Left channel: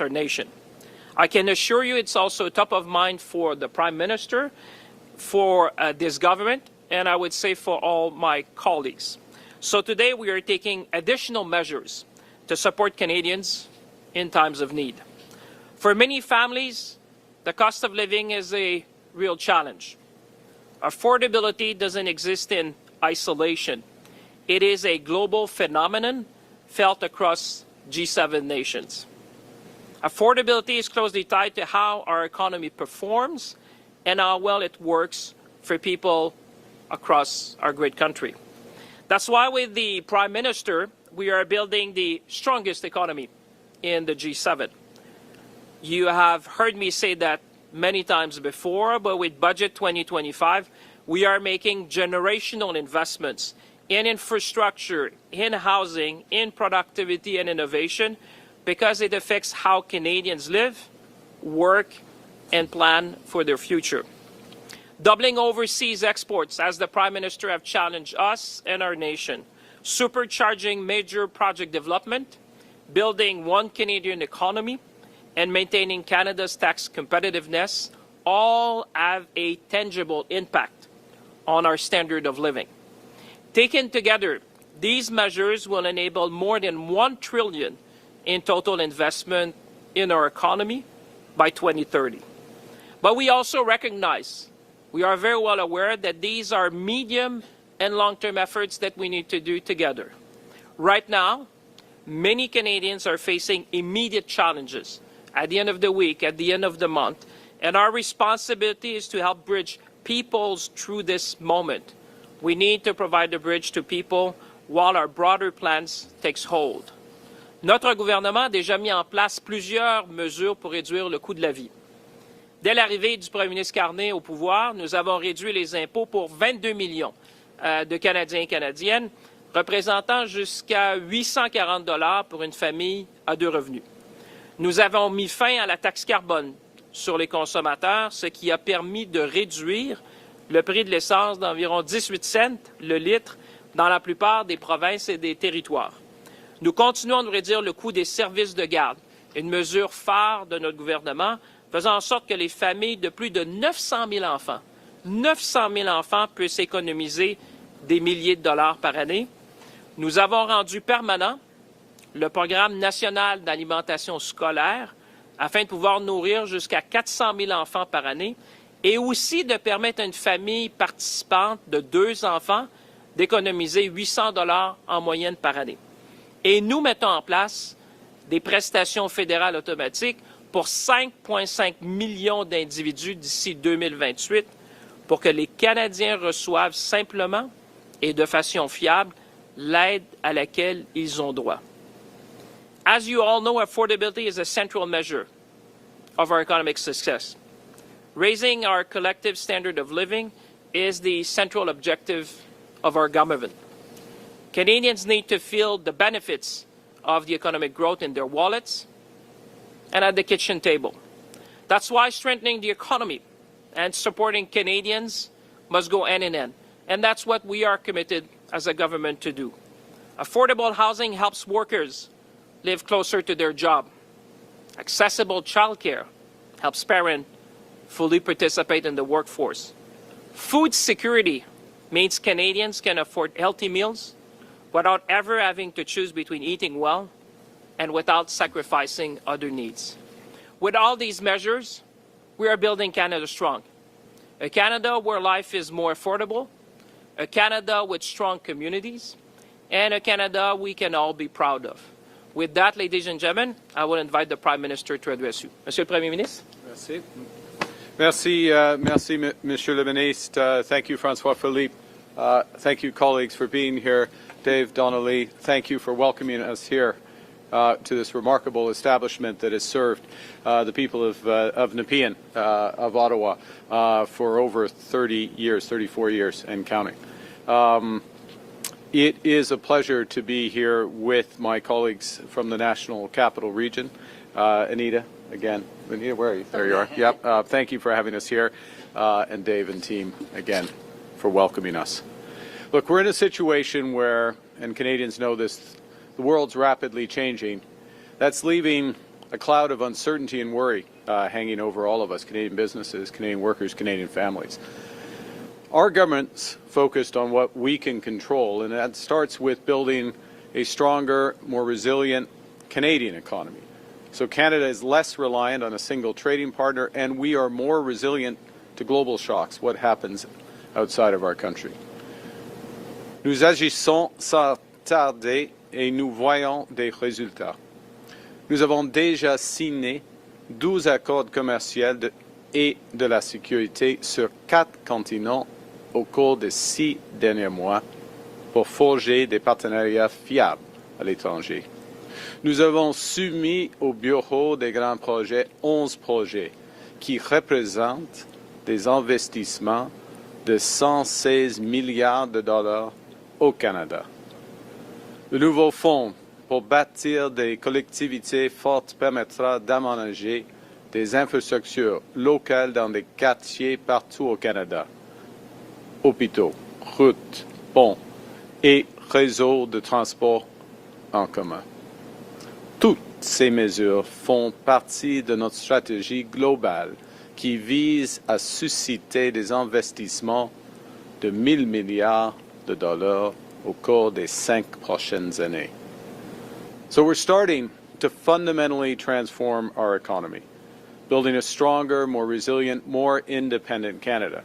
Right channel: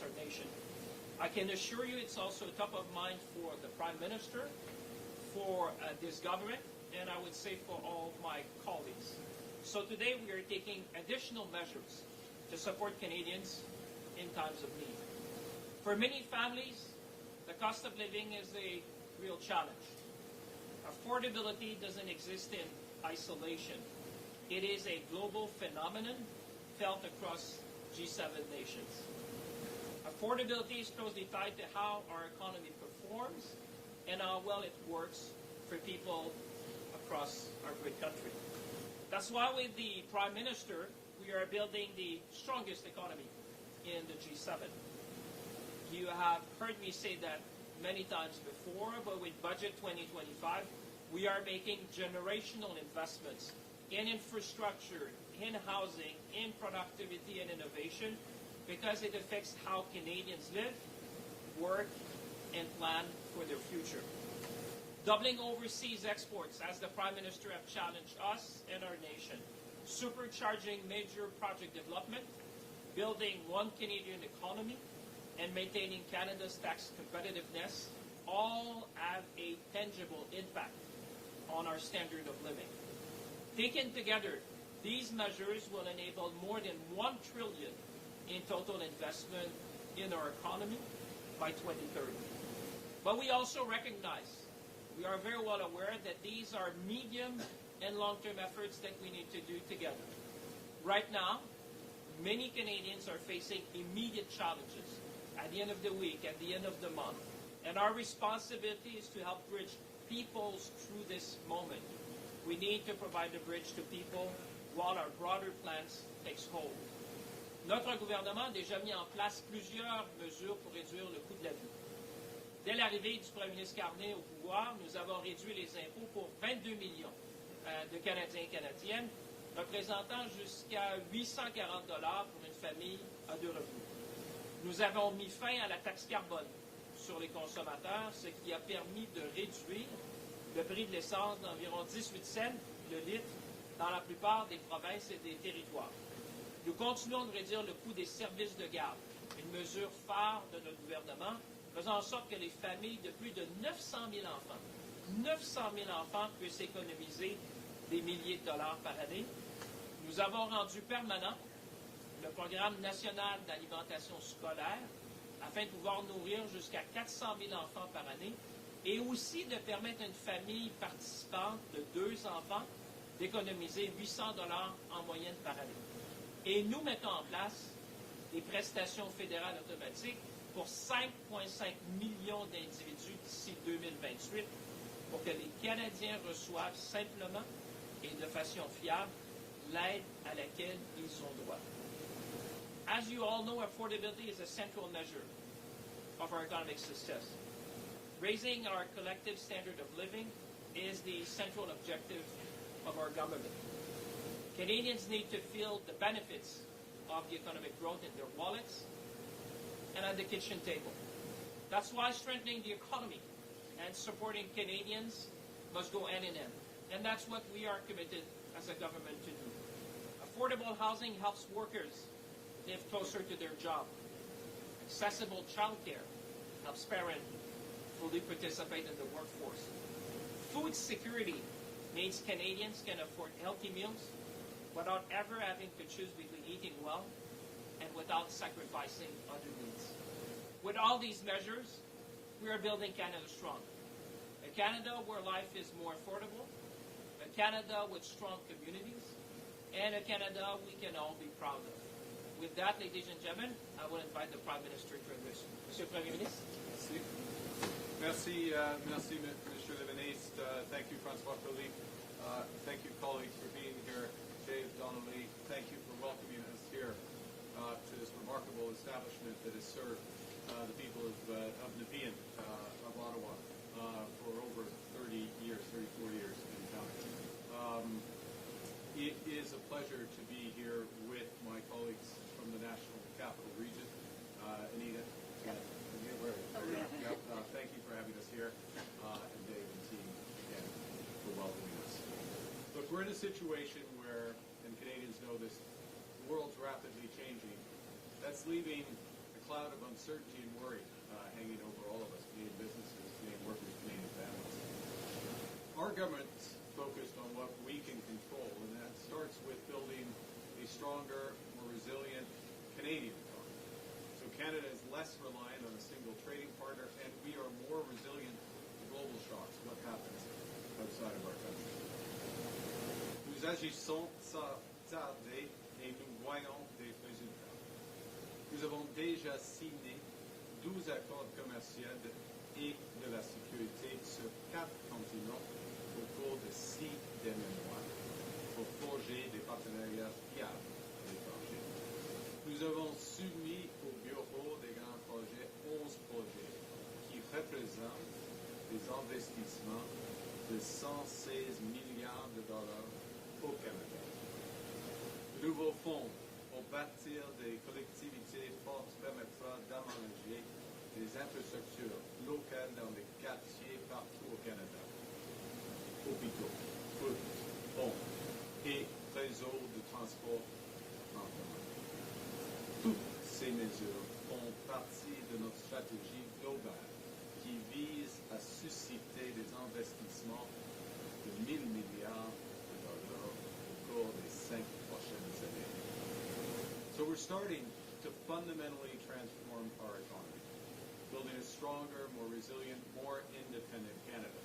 our nation. I can assure you it's also top of mind for the Prime Minister, for this government, and I would say for all my colleagues. So today we are taking additional measures to support Canadians in times of need. For many families, the cost of living is a real challenge. Affordability doesn't exist in isolation. It is a global phenomenon felt across G7 nations. Affordability is closely tied to how our economy performs and how well it works for people across our great country. That's why with the Prime Minister, we are building the strongest economy in the G7. You have heard me say that many times before, but with Budget 2025, we are making generational investments in infrastructure, in housing, in productivity and innovation, because it affects how Canadians live, work, and plan for their future. Doubling overseas exports, as the Prime Minister have challenged us and our nation. Supercharging major project development, building one Canadian economy, and maintaining Canada's tax competitiveness all have a tangible impact on our standard of living. Taken together, these measures will enable more than $1 trillion in total investment in our economy by 2030. But we also recognize, we are very well aware that these are medium and long-term efforts that we need to do together. Right now, many Canadians are facing immediate challenges at the end of the week, at the end of the month, and our responsibility is to help bridge peoples through this moment. We need to provide a bridge to people while our broader plans takes hold. Notre gouvernement a déjà mis en place plusieurs mesures pour réduire le coût de la vie. Dès l'arrivée du Premier ministre Carney au pouvoir, nous avons réduit les impôts pour 22 millions de Canadiens et Canadiennes, représentant jusqu'à 840 $ pour une famille à 2 revenus. Nous avons mis fin à la taxe carbone sur les consommateurs, ce qui a permis de réduire le prix de l'essence d'environ 18 cents le litre dans la plupart des provinces et des territoires. Nous continuons de réduire le coût des services de garde, une mesure phare de notre gouvernement, faisant en sorte que les familles de plus de 900 000 enfants puissent économiser des milliers de dollars par année. Nous avons rendu permanent le programme national d'alimentation scolaire afin de pouvoir nourrir jusqu'à 400 000 enfants par année et aussi de permettre à une famille participante de 2 enfants d'économiser 800 $ en moyenne par année. Et nous mettons en place des prestations fédérales automatiques pour 5,5 millions d'individus d'ici 2028 pour que les Canadiens reçoivent simplement et de façon fiable l'aide à laquelle ils ont droit. As you all know, affordability is a central measure of our economic success. Raising our collective standard of living is the central objective of our government. Canadians need to feel the benefits of the economic growth in their wallets and at the kitchen table. That's why strengthening the economy and supporting Canadians must go hand in hand. And that's what we are committed as a government to do. Affordable housing helps workers live closer to their job. Accessible childcare helps parents fully participate in the workforce. Food security means Canadians can afford healthy meals without ever having to choose between eating well and without sacrificing other needs. With all these measures, we are building Canada strong. A Canada where life is more affordable, a Canada with strong communities, and a Canada we can all be proud of. With that, ladies and gentlemen, I will invite the Prime Minister to address you. Monsieur le Premier ministre. Merci. Merci, Monsieur le Ministre. Thank you, François Philippe. Thank you, colleagues, for being here. Dave Donnelly, thank you for welcoming us here to this remarkable establishment that has served the people of Nepean, of Ottawa, for over 30 years, 34 years and counting. It is a pleasure to be here with my colleagues from the National Capital Region. Anita, again. Anita, where are you? There you are. Yep. Thank you for having us here. And Dave and team, again, for welcoming us. Look, we're in a situation where, and Canadians know this, the world's rapidly changing. That's leaving a cloud of uncertainty and worry hanging over all of us, Canadian businesses, Canadian workers, Canadian families. Our government's focused on what we can control, and that starts with building a stronger, more resilient Canadian economy. So Canada is less reliant on a single trading partner, and we are more resilient to global shocks, what happens outside of our country. Nous agissons sans tarder et nous voyons des résultats. Nous avons déjà signé 12 accords commerciaux et de la sécurité sur 4 continents au cours des 6 derniers mois pour forger des partenariats fiables à l'étranger. Nous avons soumis au Bureau des grands projets 11 projets qui représentent des investissements de 116 milliards de dollars au Canada. Le nouveau fonds pour bâtir des collectivités fortes permettra d'aménager des infrastructures locales dans des quartiers partout au Canada. Hôpitaux, routes, ponts et réseaux de transport en commun. Toutes ces mesures font partie de notre stratégie globale qui vise à susciter des investissements de 1 000 milliards de dollars au cours des 5 prochaines années. So we're starting to fundamentally transform our economy, building a stronger, more resilient, more independent Canada.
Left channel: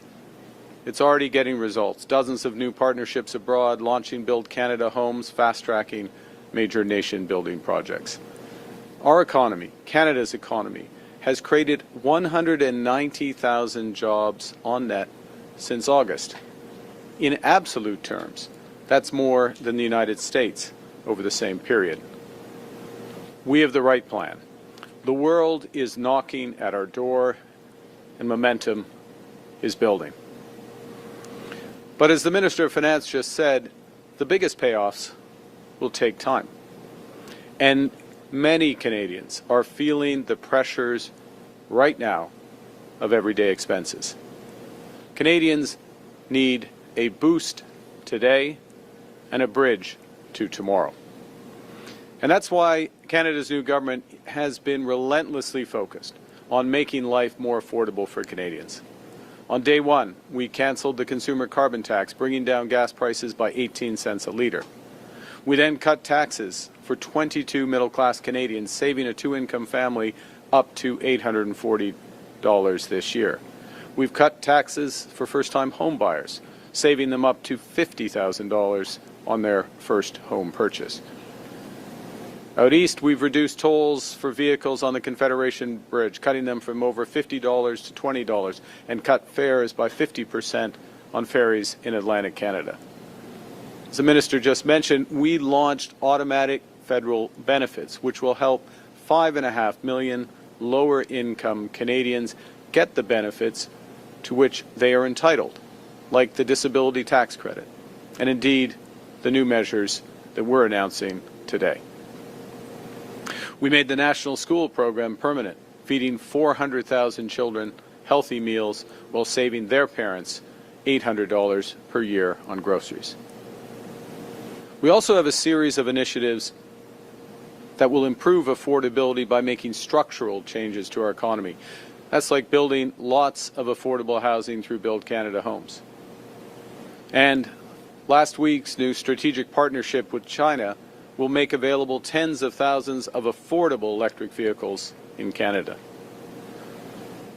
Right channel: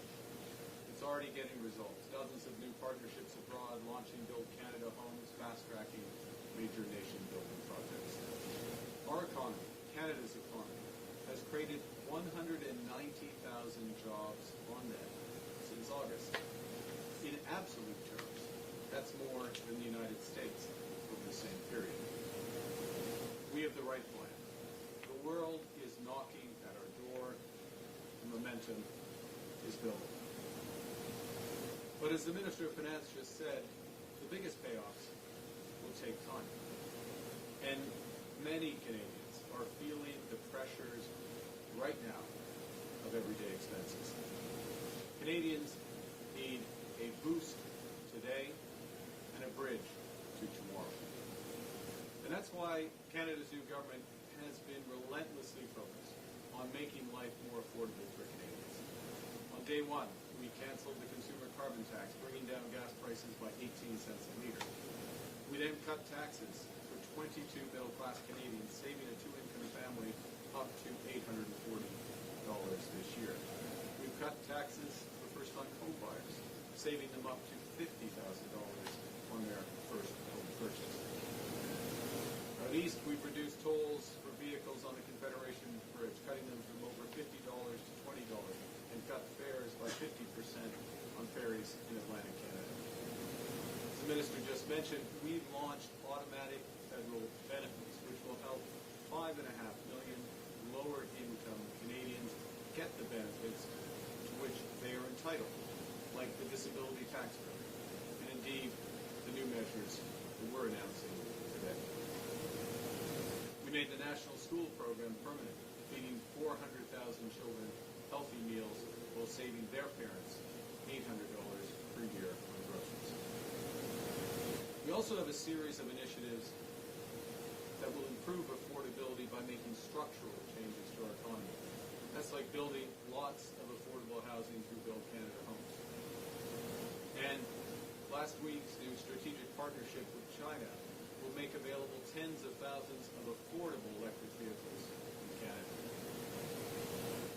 It's already getting results. Dozens of new partnerships abroad, launching Build Canada homes, fast-tracking major nation-building projects. Our economy, Canada's economy, has created 190,000 jobs on net since August. In absolute terms, that's more than the United States over the same period. We have the right plan. The world is knocking at our door, and momentum is building. But as the Minister of Finance just said, the biggest payoffs will take time. And many Canadians are feeling the pressures right now of everyday expenses. Canadians need a boost today and a bridge to tomorrow. And that's why Canada's new government has been relentlessly focused on making life more affordable for Canadians. On day one, we canceled the consumer carbon tax, bringing down gas prices by 18 cents a litre. We then cut taxes for 22 middle-class Canadians, saving a two-income family up to $840 this year. We've cut taxes for first-time home buyers, saving them up to $50,000 on their first home purchase. Out east, we've reduced tolls for vehicles on the Confederation Bridge, cutting them from over $50 to $20, and cut fares by 50% on ferries in Atlantic Canada. As the Minister just mentioned, we launched automatic federal benefits, which will help 5.5 million lower-income Canadians get the benefits to which they are entitled, like the disability tax credit, and indeed the new measures that we're announcing today. We made the National School Program permanent, feeding 400,000 children healthy meals while saving their parents $800 per year on groceries. We also have a series of initiatives that will improve affordability by making structural changes to our economy. That's like building lots of affordable housing through Build Canada homes. And last week's new strategic partnership with China will make available tens of thousands of affordable electric vehicles in Canada.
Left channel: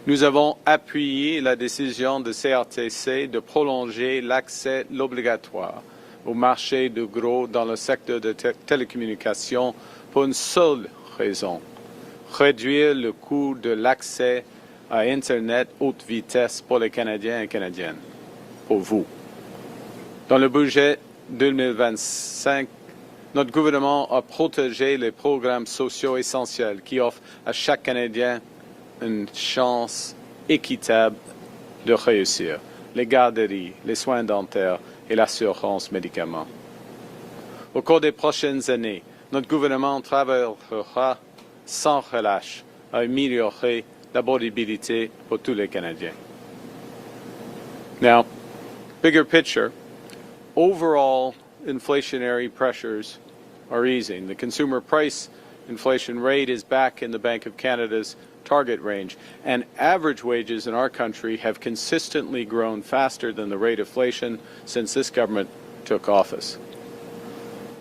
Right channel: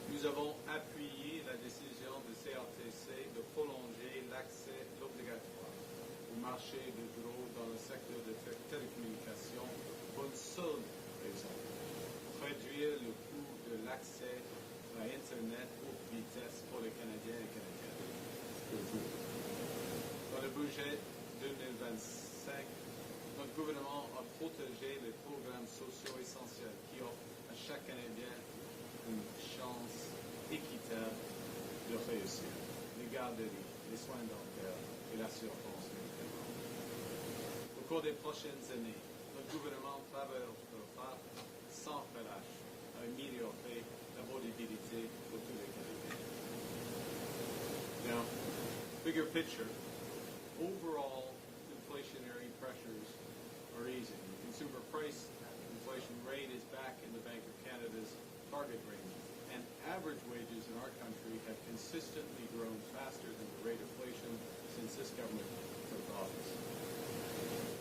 Nous avons appuyé la décision de CRTC de prolonger l'accès obligatoire au marché de gros dans le secteur de télécommunications pour une seule raison: réduire le coût de l'accès à Internet haute vitesse pour les Canadiens et Canadiennes, pour vous. Dans le budget 2025, notre gouvernement a protégé les programmes sociaux essentiels qui offrent à chaque Canadien une chance équitable de réussir: les garderies, les soins dentaires et l'assurance médicaments. Au cours des prochaines années, notre gouvernement travaillera sans relâche à améliorer l'abordabilité pour tous les Canadiens. Now, bigger picture, overall inflationary pressures are easing. The consumer price inflation rate is back in the Bank of Canada's target range, and average wages in our country have consistently grown faster than the rate of inflation since this government took office.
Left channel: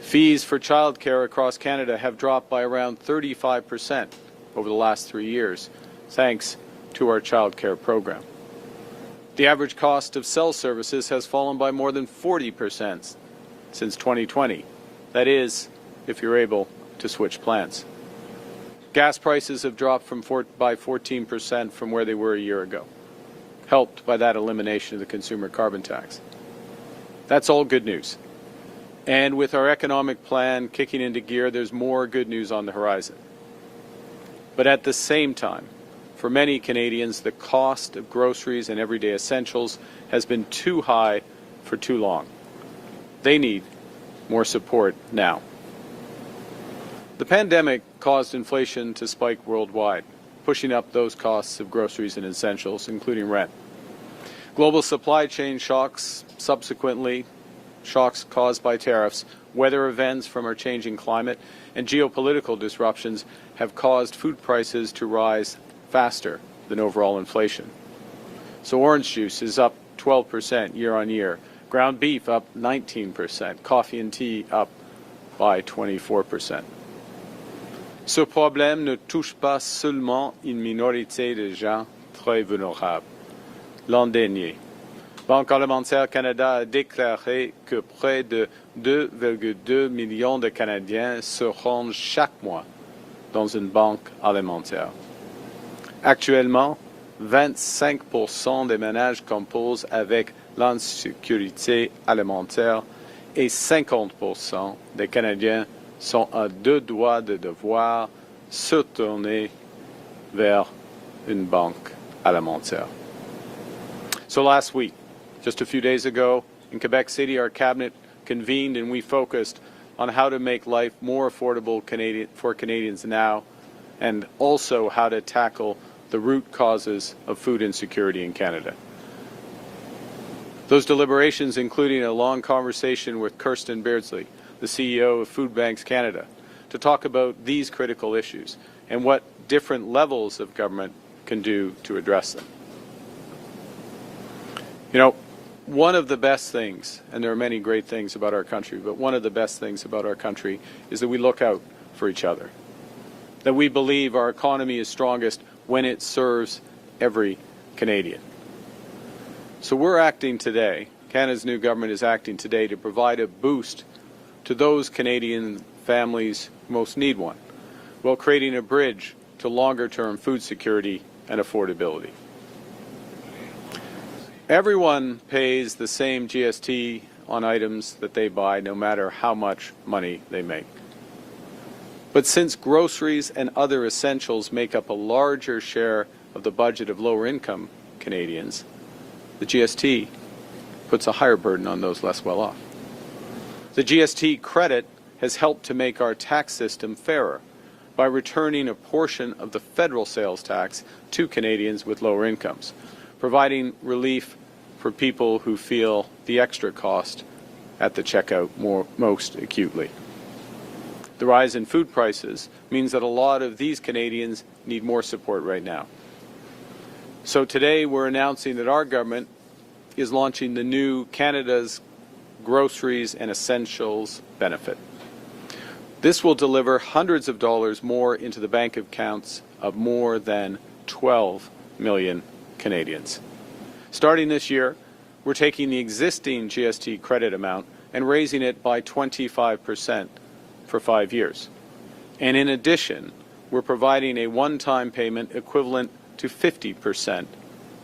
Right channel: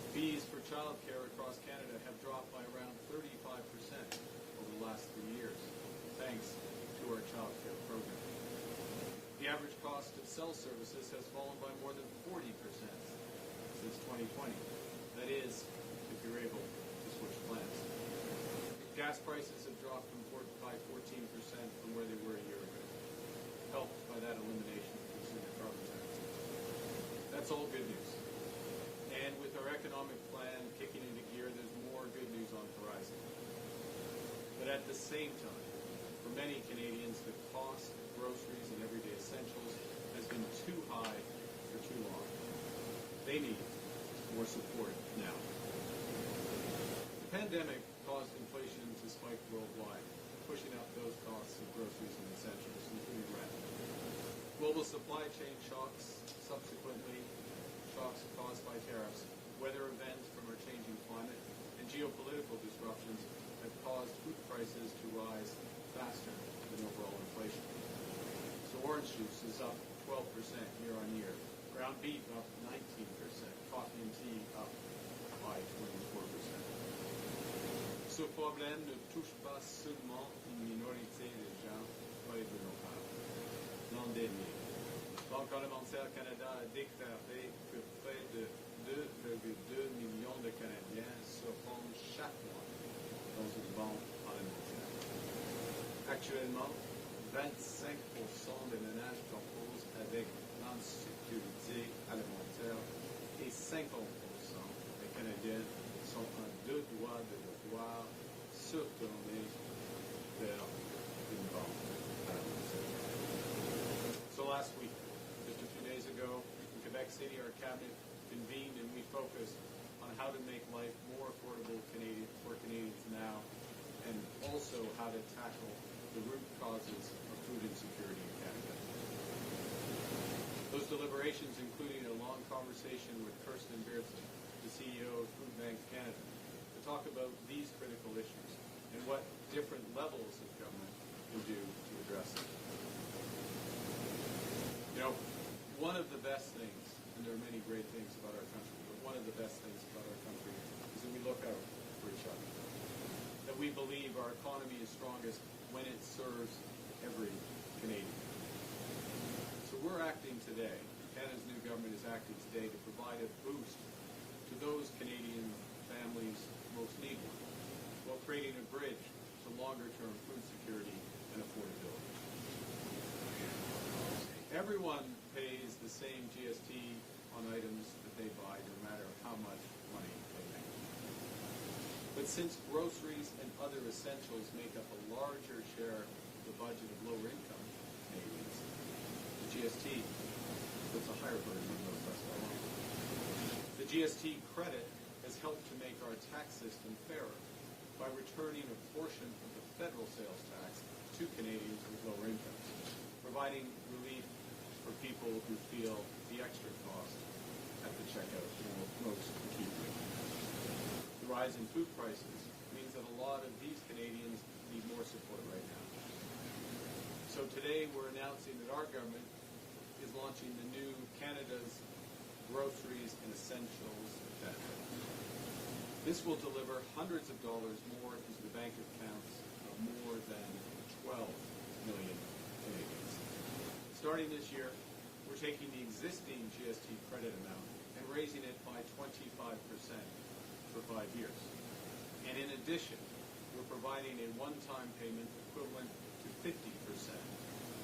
Fees for childcare across Canada have dropped by around 35% over the last 3 years, thanks to our childcare program. The average cost of cell services has fallen by more than 40% since 2020. That is, if you're able to switch plans. Gas prices have dropped by 14% from where they were a year ago, helped by that elimination of the consumer carbon tax. That's all good news. And with our economic plan kicking into gear, there's more good news on the horizon. But at the same time, for many Canadians, the cost of groceries and everyday essentials has been too high for too long. They need more support now. The pandemic caused inflation to spike worldwide, pushing up those costs of groceries and essentials, including rent. Global supply chain shocks, subsequently shocks caused by tariffs, weather events from our changing climate, and geopolitical disruptions have caused food prices to rise faster than overall inflation. So orange juice is up 12% year on year, ground beef up 19%, coffee and tea up by 24%. Ce problème ne touche pas seulement une minorité de gens très vulnérables. L'an dernier, Banque alimentaire Canada a déclaré que près de 2,2 millions de Canadiens se rendent chaque mois dans une banque alimentaire. Actuellement, 25% des ménages composent avec l'insécurité alimentaire et 50% des Canadiens sont à deux doigts de devoir se tourner vers une banque alimentaire. So last week, just a few days ago, in Quebec City, our cabinet convened and we focused on how to make life more affordable for Canadians now, and also how to tackle the root causes of food insecurity in Canada. Those deliberations including a long conversation with Kirsten Beardsley, the CEO of Food Banks Canada, to talk about these critical issues and what different levels of government can do to address them. You know, one of the best things, and there are many great things about our country, but one of the best things about our country is that we look out for each other, that we believe our economy is strongest when it serves every Canadian. So we're acting today, Canada's new government is acting today to provide a boost to those Canadian families who most need one, while creating a bridge to longer-term food security and affordability. Everyone pays the same GST on items that they buy, no matter how much money they make. But since groceries and other essentials make up a larger share of the budget of lower-income Canadians, the GST puts a higher burden on those less well off. The GST credit has helped to make our tax system fairer by returning a portion of the federal sales tax to Canadians with lower incomes, providing relief for people who feel the extra cost at the checkout most acutely. The rise in food prices means that a lot of these Canadians need more support right now. So today we're announcing that our government is launching the new Canada's Groceries and Essentials benefit. This will deliver hundreds of dollars more into the bank accounts of more than 12 million Canadians. Starting this year, we're taking the existing GST credit amount and raising it by 25% for 5 years. And in addition, we're providing a one-time payment equivalent to 50%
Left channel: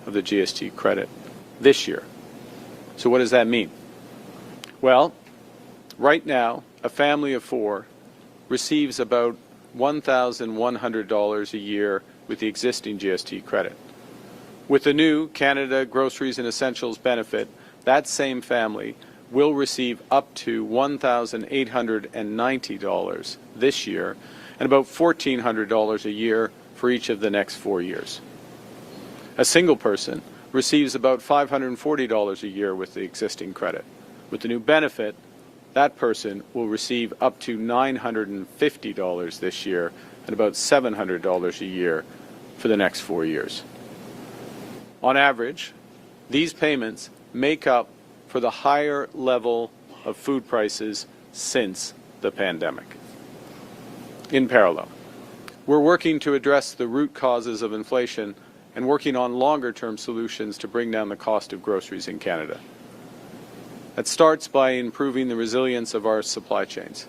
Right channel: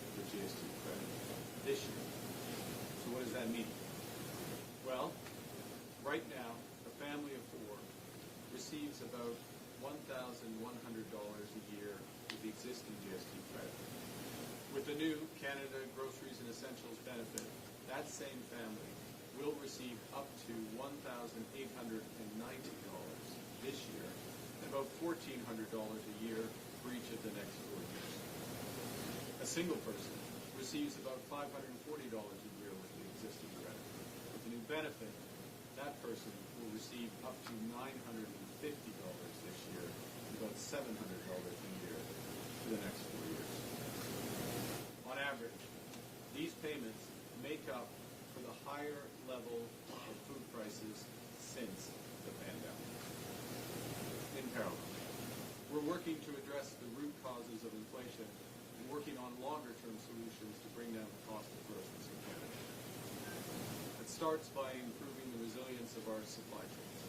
of the GST credit this year. So what does that mean? Well, right now, a family of four receives about $1,100 a year with the existing GST credit. With the new Canada Groceries and Essentials benefit, that same family will receive up to $1,890 this year and about $1,400 a year for each of the next 4 years. A single person receives about $540 a year with the existing credit. With the new benefit, that person will receive up to $950 this year and about $700 a year for the next 4 years. On average, these payments make up for the higher level of food prices since the pandemic. In parallel, we're working to address the root causes of inflation and working on longer-term solutions to bring down the cost of groceries in Canada. That starts by improving the resilience of our supply chains.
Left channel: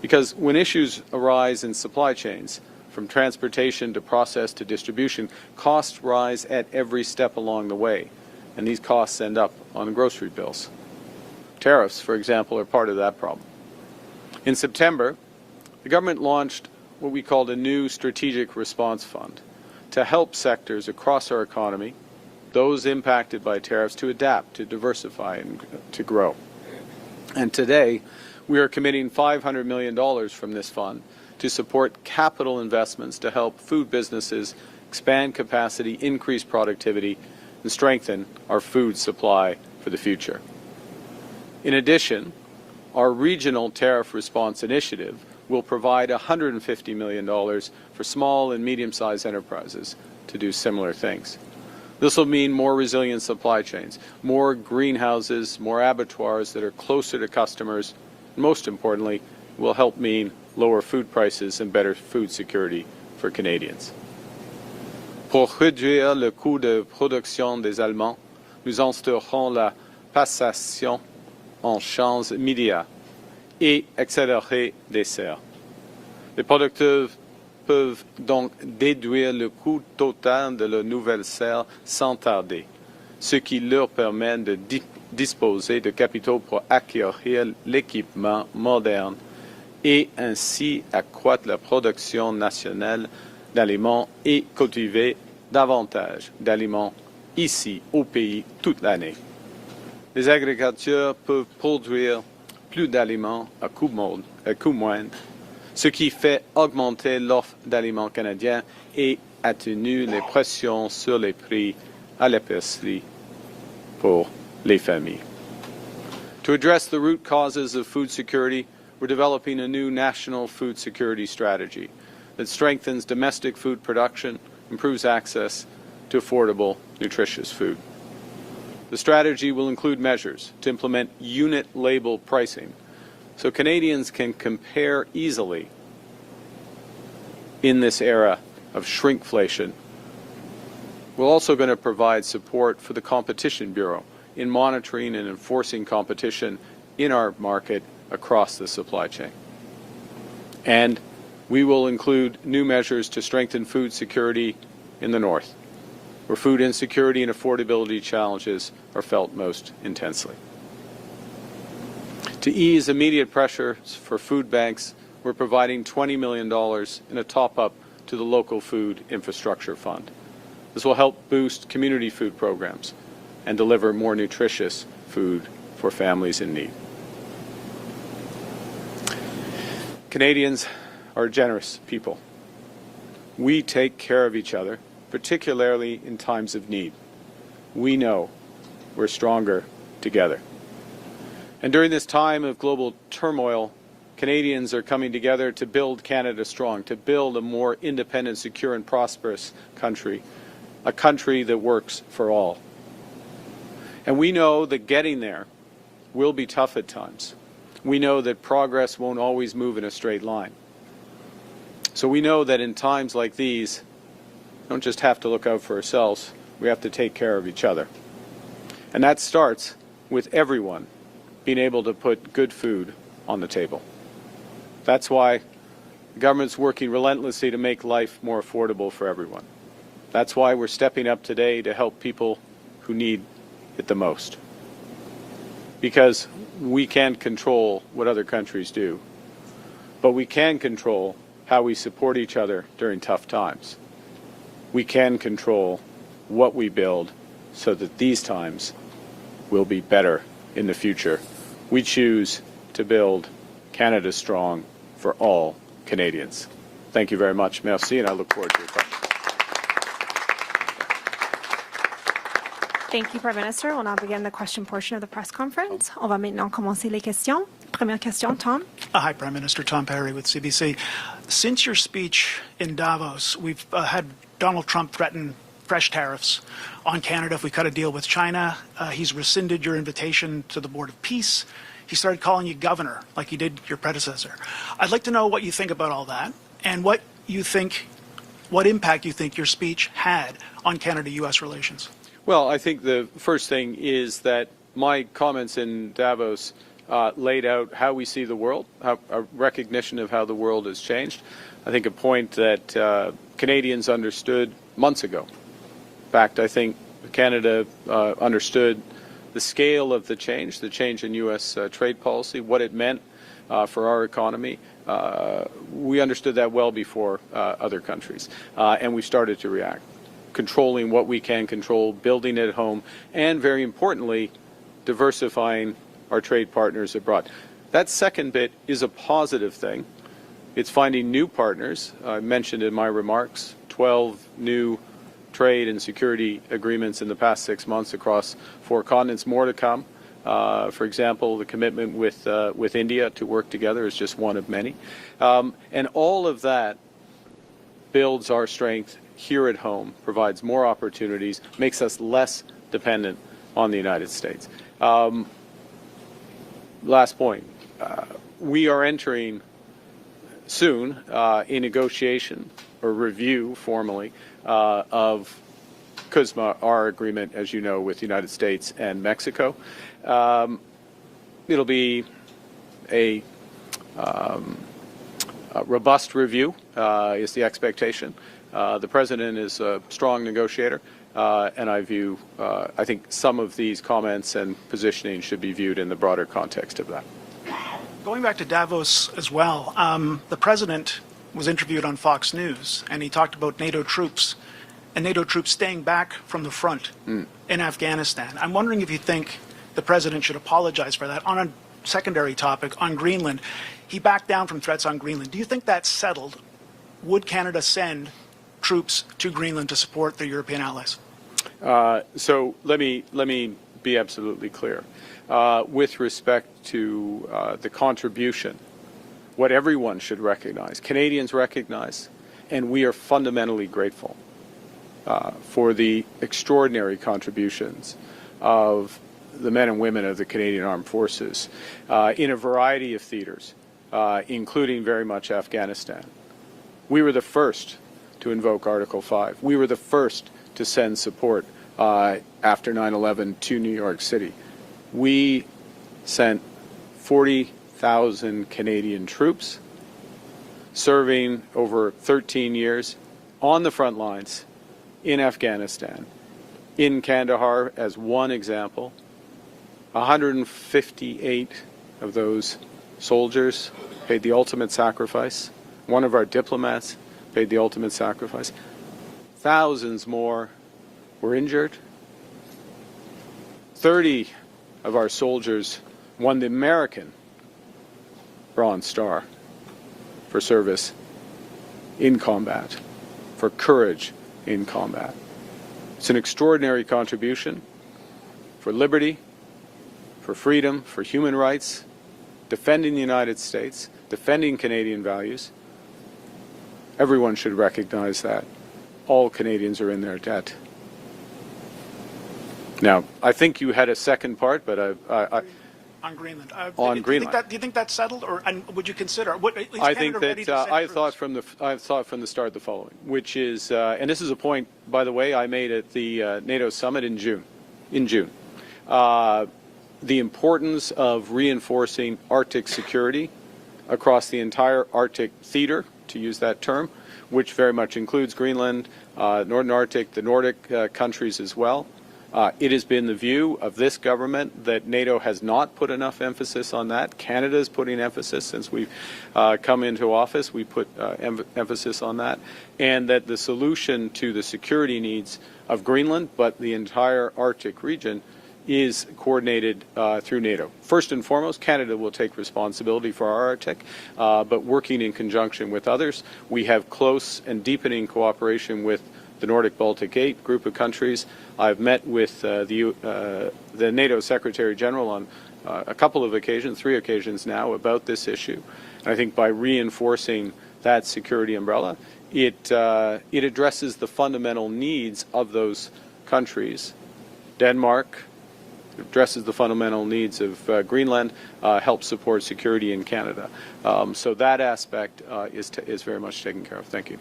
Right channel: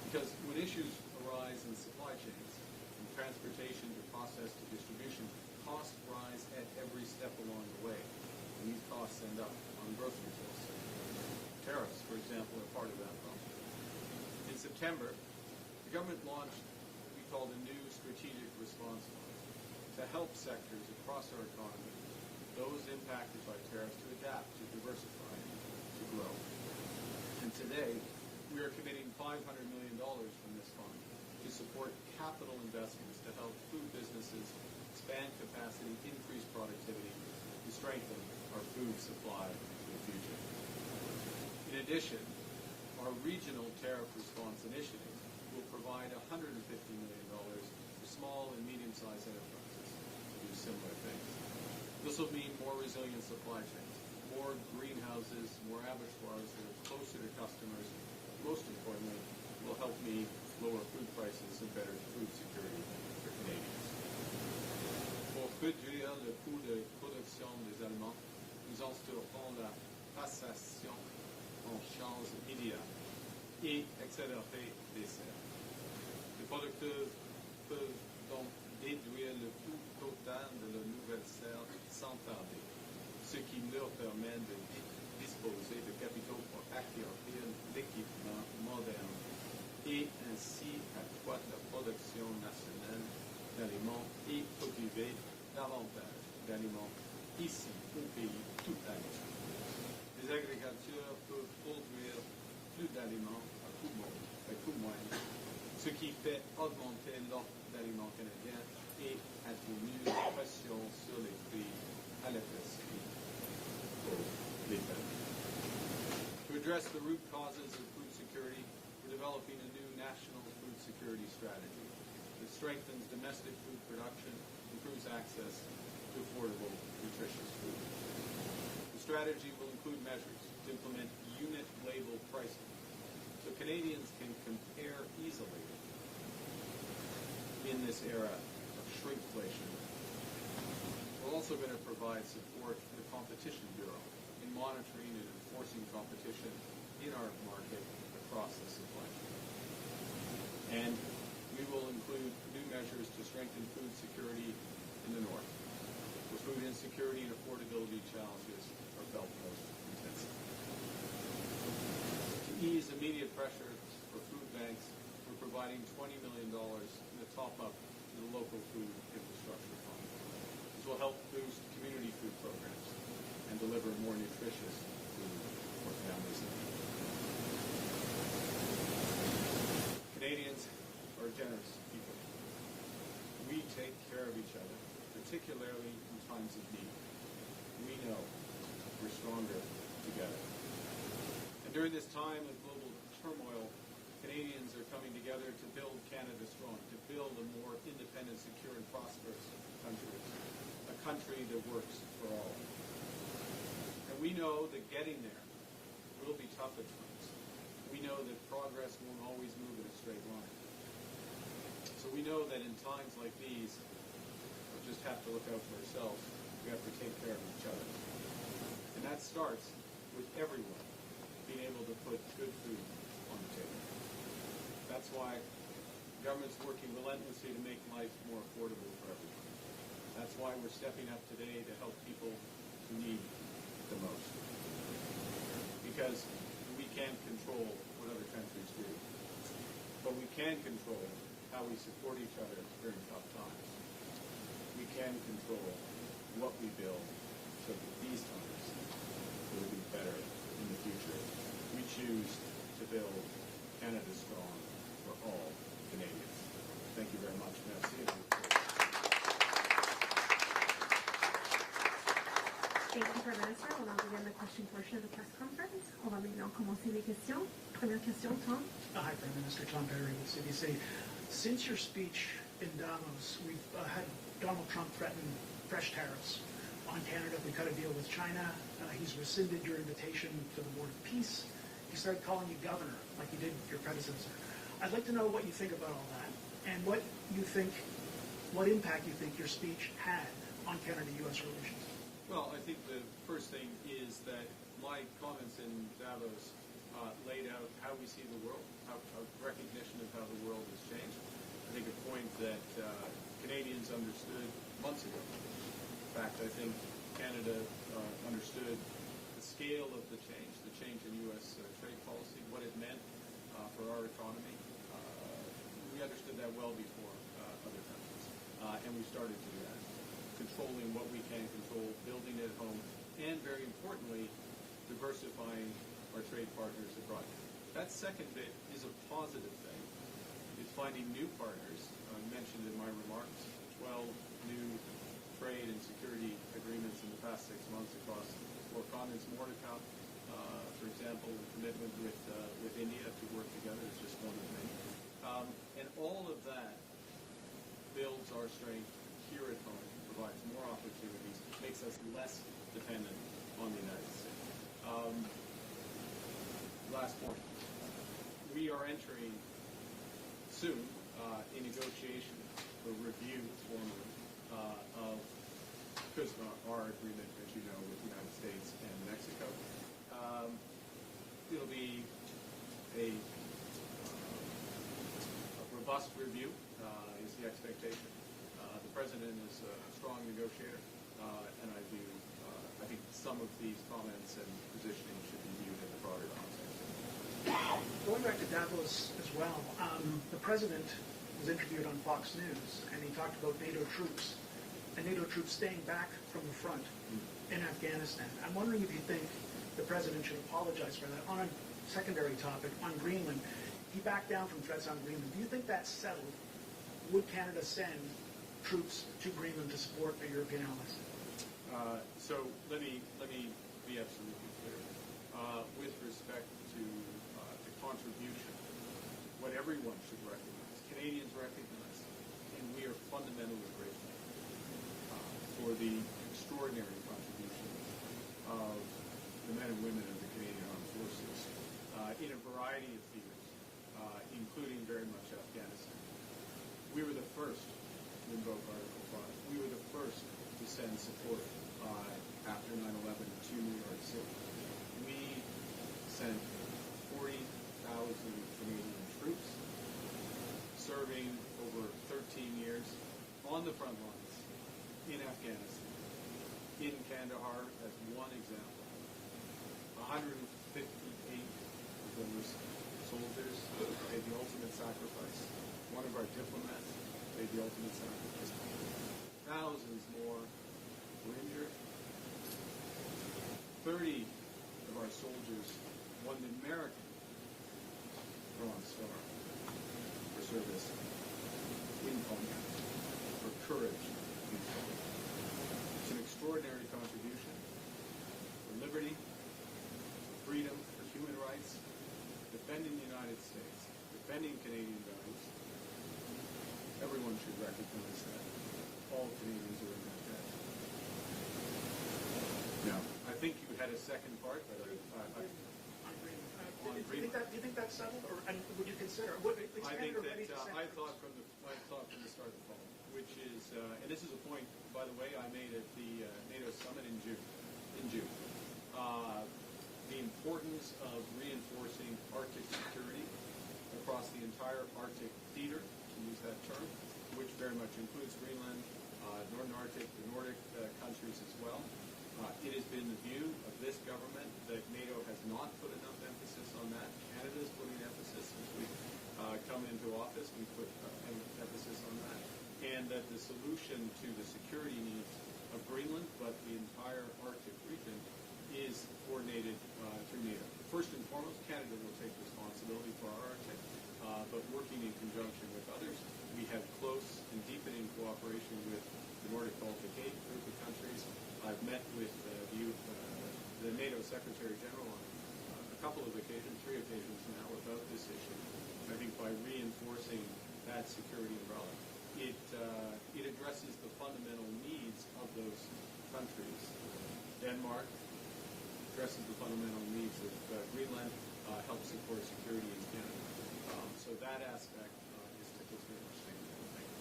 Because when issues arise in supply chains, from transportation to process to distribution, costs rise at every step along the way, and these costs end up on grocery bills. Tariffs, for example, are part of that problem. In September, the government launched what we called a new strategic response fund to help sectors across our economy, those impacted by tariffs, to adapt, to diversify, and to grow. And today, we are committing $500 million from this fund to support capital investments to help food businesses expand capacity, increase productivity, and strengthen our food supply for the future. In addition, our regional tariff response initiative will provide $150 million for small and medium-sized enterprises to do similar things. This will mean more resilient supply chains, more greenhouses, more abattoirs that are closer to customers, and most importantly, will help mean lower food prices and better food security for Canadians. Pour réduire le coût de production des aliments, nous instaurerons la passation en champs immédiats et accélérer des serres. Les producteurs peuvent donc déduire le coût total de la nouvelle serre sans tarder, ce qui leur permet de disposer de capitaux pour acquérir l'équipement moderne et ainsi accroître la production nationale d'aliments et cultiver davantage d'aliments ici au pays toute l'année. Les agriculteurs peuvent produire plus d'aliments à coût moindre, ce qui fait augmenter l'offre d'aliments canadiens et atténue les pressions sur les prix à l'épicerie pour les familles. To address the root causes of food security, we're developing a new national food security strategy that strengthens domestic food production, improves access to affordable, nutritious food. The strategy will include measures to implement unit label pricing so Canadians can compare easily in this era of shrinkflation. We're also going to provide support for the Competition Bureau in monitoring and enforcing competition in our market across the supply chain. And we will include new measures to strengthen food security in the North, where food insecurity and affordability challenges are felt most intensely. To ease immediate pressures for food banks, we're providing $20 million in a top-up to the local food infrastructure fund. This will help boost community food programs and deliver more nutritious food for families in need. Canadians are generous people. We take care of each other, particularly in times of need. We know we're stronger together. And during this time of global turmoil, Canadians are coming together to build Canada strong, to build a more independent, secure, and prosperous country, a country that works for all. And we know that getting there will be tough at times. We know that progress won't always move in a straight line. So we know that in times like these, we don't just have to look out for ourselves, we have to take care of each other. And that starts with everyone being able to put good food on the table. That's why the government's working relentlessly to make life more affordable for everyone. That's why we're stepping up today to help people who need it the most. Because we can't control what other countries do, but we can control how we support each other during tough times. We can control what we build so that these times will be better in the future. We choose to build Canada strong for all Canadians. Thank you very much. Merci, and I look forward to your questions. Thank you, Prime Minister. We'll now begin the question portion of the press conference. On va maintenant commencer les questions. Première question, Tom. Hi, Prime Minister. Tom Perry with CBC. Since your speech in Davos, we've had Donald Trump threaten fresh tariffs on Canada if we cut a deal with China. He's rescinded your invitation to the Board of Peace. He started calling you governor, like he did your predecessor. I'd like to know what you think about all that and what impact you think your speech had on Canada-U.S. relations. Well, I think the first thing is that my comments in Davos laid out how we see the world, a recognition of how the world has changed. I think a point that Canadians understood months ago. In fact, I think Canada understood the scale of the change in U.S. trade policy, what it meant for our economy. We understood that well before other countries, and we started to react, controlling what we can control, building at home, and very importantly, diversifying our trade partners abroad. That second bit is a positive thing. It's finding new partners. I mentioned in my remarks 12 new trade and security agreements in the past 6 months across 4 continents, more to come. For example, the commitment with India to work together is just one of many. And all of that builds our strength here at home, provides more opportunities, makes us less dependent on the United States. Last point. We are entering soon a negotiation or review formally of CUSMA, our agreement, as you know, with the United States and Mexico. It'll be a robust review, is the expectation. The President is a strong negotiator, and I think some of these comments and positioning should be viewed in the broader context of that. Going back to Davos as well, the President was interviewed on Fox News, and he talked about NATO troops and NATO troops staying back from the front in Afghanistan. I'm wondering if you think the President should apologize for that. On a secondary topic, on Greenland, he backed down from threats on Greenland. Do you think that's settled? Would Canada send troops to Greenland to support their European allies? So let me be absolutely clear. With respect to the contribution, what everyone should recognize, Canadians recognize, and we are fundamentally grateful for the extraordinary contributions of the men and women of the Canadian Armed Forces in a variety of theaters, including very much Afghanistan. We were the first to invoke Article 5. We were the first to send support after 9/11 to New York City. We sent 40,000 Canadian troops serving over 13 years on the front lines in Afghanistan, in Kandahar as one example. 158 of those soldiers paid the ultimate sacrifice. One of our diplomats paid the ultimate sacrifice. Thousands more were injured. 30 of our soldiers won the American Bronze Star for service in combat, for courage in combat. It's an extraordinary contribution for liberty, for freedom, for human rights, defending the United States, defending Canadian values. Everyone should recognize that. All Canadians are in their debt. Now, I think you had a second part, but On Greenland. On Greenland. Do you think that's settled, or and would you consider? I think that I thought from the start the following, which is, and this is a point, by the way, I made at the NATO summit in June. The importance of reinforcing Arctic security across the entire Arctic theater, to use that term, which very much includes Greenland, Northern Arctic, the Nordic countries as well. It has been the view of this government that NATO has not put enough emphasis on that. Canada is putting emphasis since we've come into office. We put emphasis on that. And that the solution to the security needs of Greenland, but the entire Arctic region, is coordinated through NATO. First and foremost, Canada will take responsibility for our Arctic, but working in conjunction with others. We have close and deepening cooperation with the Nordic Baltic 8 group of countries. I've met with the NATO Secretary General on a couple of occasions, 3 occasions now, about this issue. And I think by reinforcing that security umbrella, it addresses the fundamental needs of those countries. Denmark addresses the fundamental needs of Greenland, helps support security in Canada. So that aspect is very much taken care of. Thank you.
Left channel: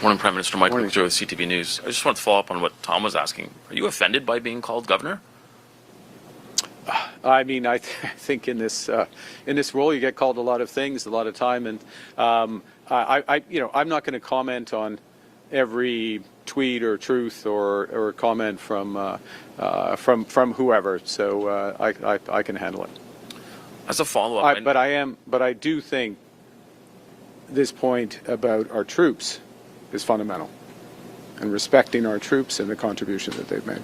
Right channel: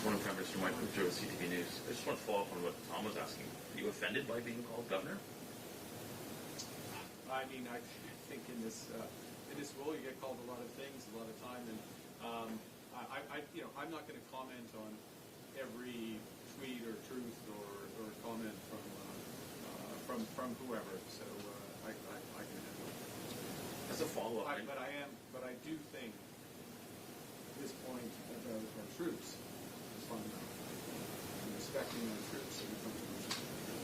Morning, Prime Minister. Michael with CTV News. I just want to follow up on what Tom was asking. Are you offended by being called governor? I mean, I think in this role you get called a lot of things, a lot of time, and I'm not going to comment on every tweet or truth or comment from whoever. So I can handle it. As a follow-up, but I do think this point about our troops is fundamental, and respecting our troops and the contribution that they've made.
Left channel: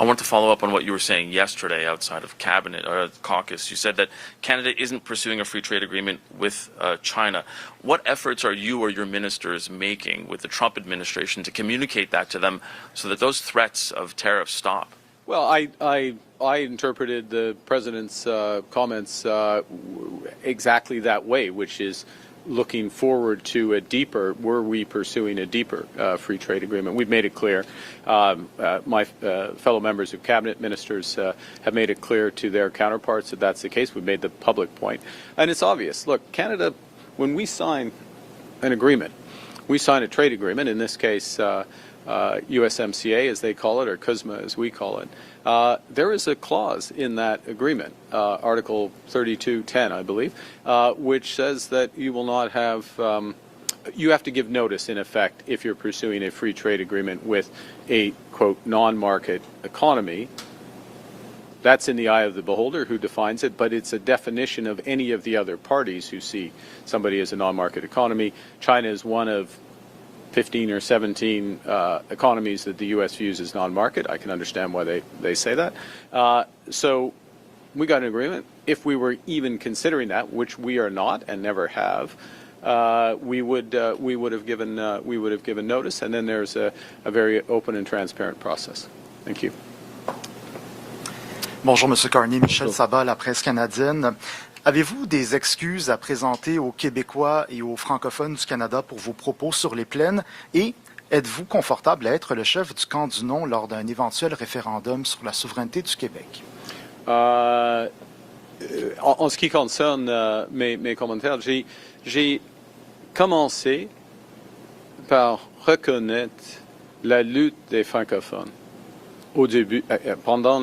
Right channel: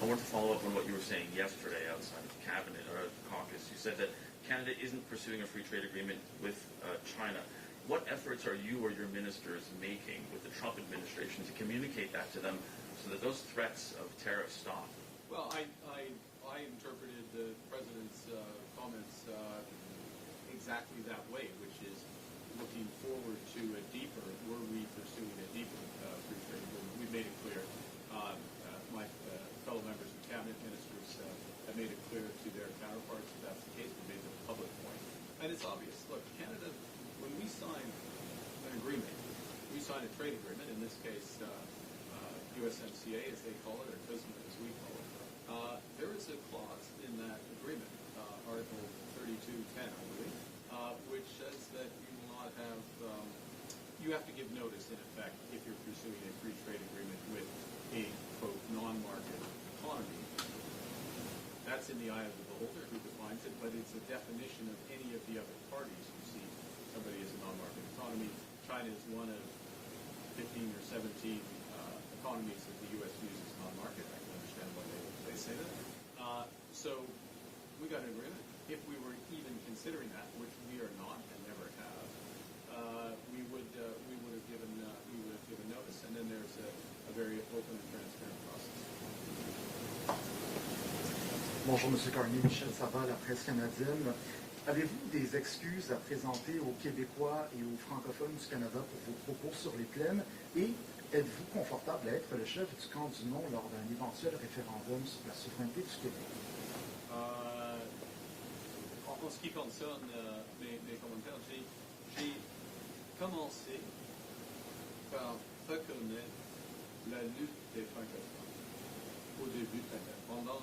I want to follow up on what you were saying yesterday outside of cabinet or caucus. You said that Canada isn't pursuing a free trade agreement with China. What efforts are you or your ministers making with the Trump administration to communicate that to them so that those threats of tariffs stop? Well, I interpreted the president's comments exactly that way, which is looking forward to a deeper, were we pursuing a deeper free trade agreement. We've made it clear. My fellow members of cabinet, ministers, have made it clear to their counterparts that that's the case. We've made the public point. And it's obvious. Look, Canada, when we sign an agreement, we sign a trade agreement, in this case USMCA as they call it, or CUSMA as we call it, there is a clause in that agreement, Article 32.10, I believe, which says that you will not have, you have to give notice, in effect, if you're pursuing a free trade agreement with a, quote, non-market economy. That's in the eye of the beholder who defines it, but it's a definition of any of the other parties who see somebody as a non-market economy. China is one of 15 or 17 economies that the U.S. views as non-market. I can understand why they say that. So we got an agreement. If we were even considering that, which we are not and never have, we would have given notice, and then there's a very open and transparent process. Thank you. Bonjour, Monsieur Carney. Michel Sabat, La Presse canadienne. Avez-vous des excuses à présenter aux Québécois et aux francophones du Canada pour vos propos sur les plaines? Et êtes-vous confortable à être le chef du camp du non lors d'un éventuel référendum sur la souveraineté du Québec? En ce qui concerne mes commentaires, j'ai commencé par reconnaître la lutte des francophones au début, pendant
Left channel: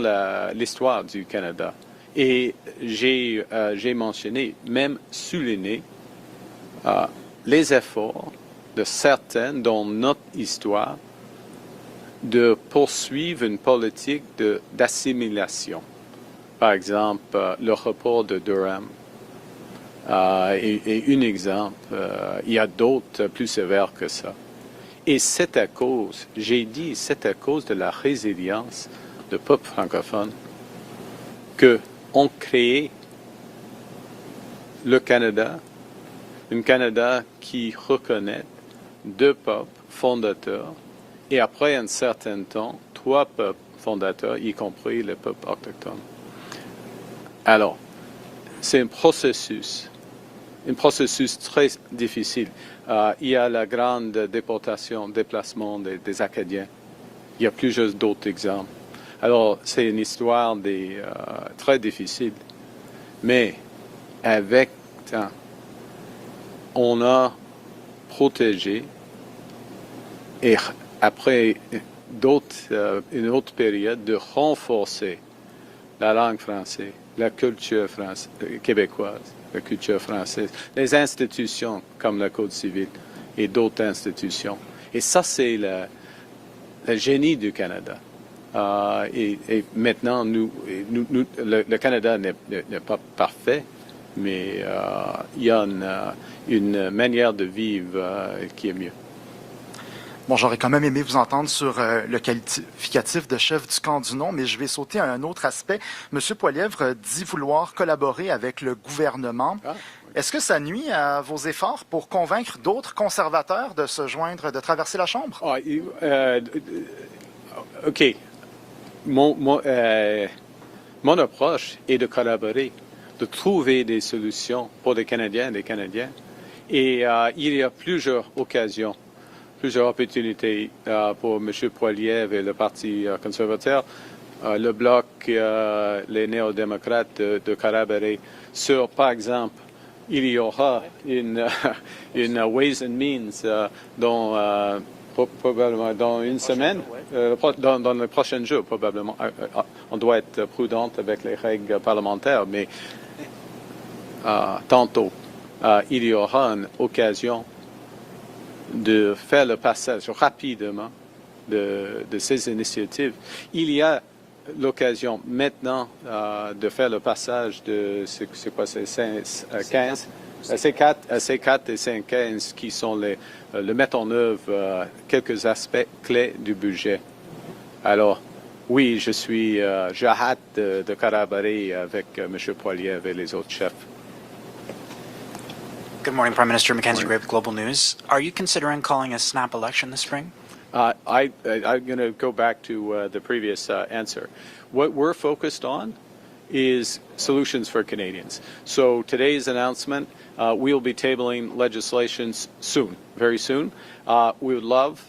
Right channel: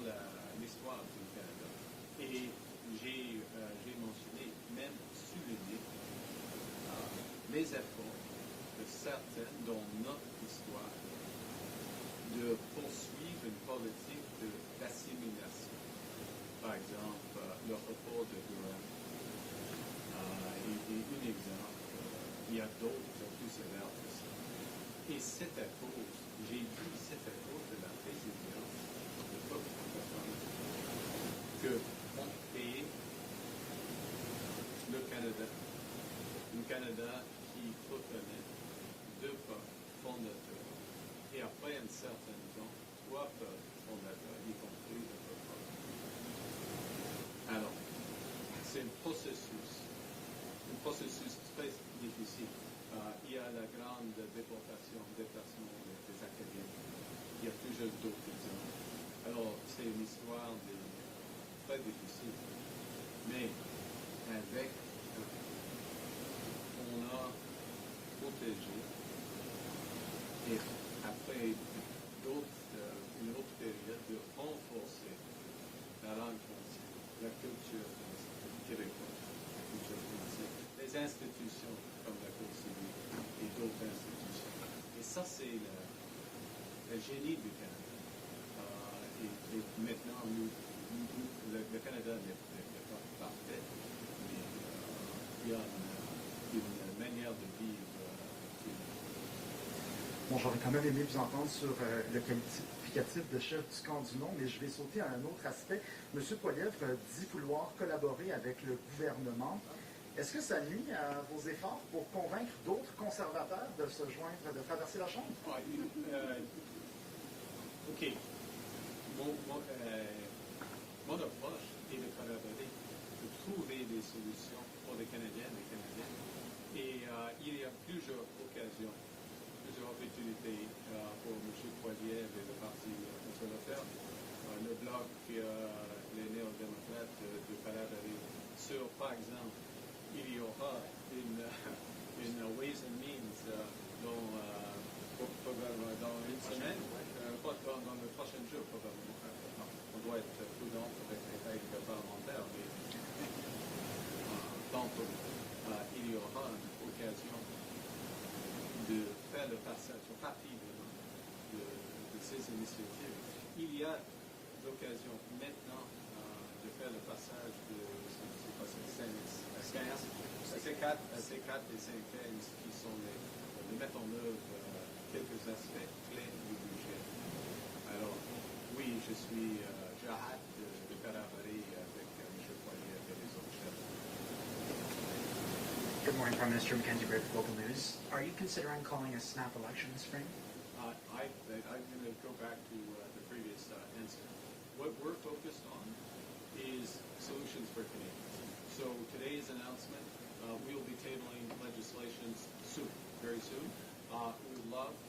l'histoire du Canada. Et j'ai mentionné, même souligné, les efforts de certains dans notre histoire de poursuivre une politique d'assimilation. Par exemple, le report de Durham est un exemple. Il y a d'autres plus sévères que ça. Et c'est à cause, j'ai dit, c'est à cause de la résilience du peuple francophone qu'on crée le Canada, un Canada qui reconnaît 2 peuples fondateurs et après un certain temps, 3 peuples fondateurs, y compris le peuple autochtone. Alors, c'est un processus très difficile. Il y a la grande déplacement des Acadiens. Il y a plusieurs d'autres exemples. Alors, c'est une histoire très difficile. Mais avec temps, on a protégé et après une autre période de renforcer la langue française, la culture québécoise, la culture française, les institutions comme le Code civil et d'autres institutions. Et ça, c'est le génie du Canada. Et maintenant, le Canada n'est pas parfait, mais il y a une manière de vivre qui est mieux. Bon, j'aurais quand même aimé vous entendre sur le qualificatif de chef du camp du non, mais je vais sauter à un autre aspect. M. Poilievre dit vouloir collaborer avec le gouvernement. Est-ce que ça nuit à vos efforts pour convaincre d'autres conservateurs de se joindre, de traverser la Chambre? OK. Mon approche est de collaborer, de trouver des solutions pour les Canadiens et les Canadiennes. Et il y a plusieurs occasions, plusieurs opportunités pour M. Poilievre et le Parti conservateur, le Bloc, les néo-démocrates de collaborer sur, par exemple, il y aura une Ways and Means probablement dans une semaine, dans les prochains jours, probablement. On doit être prudent avec les règles parlementaires, mais tantôt, il y aura une occasion de faire le passage rapidement de ces initiatives. Il y a l'occasion maintenant de faire le passage de c'est quoi, c'est 15, C4 et C15 qui sont le mettre en œuvre quelques aspects clés du budget. Alors, oui, j'ai hâte de collaborer avec M. Poilievre et les autres chefs. Good morning, Prime Minister. Mackenzie Gray with Global News. Are you considering calling a snap election this spring? I'm going to go back to the previous answer. What we're focused on is solutions for Canadians. So today's announcement, we'll be tabling legislation soon, very soon. We would love,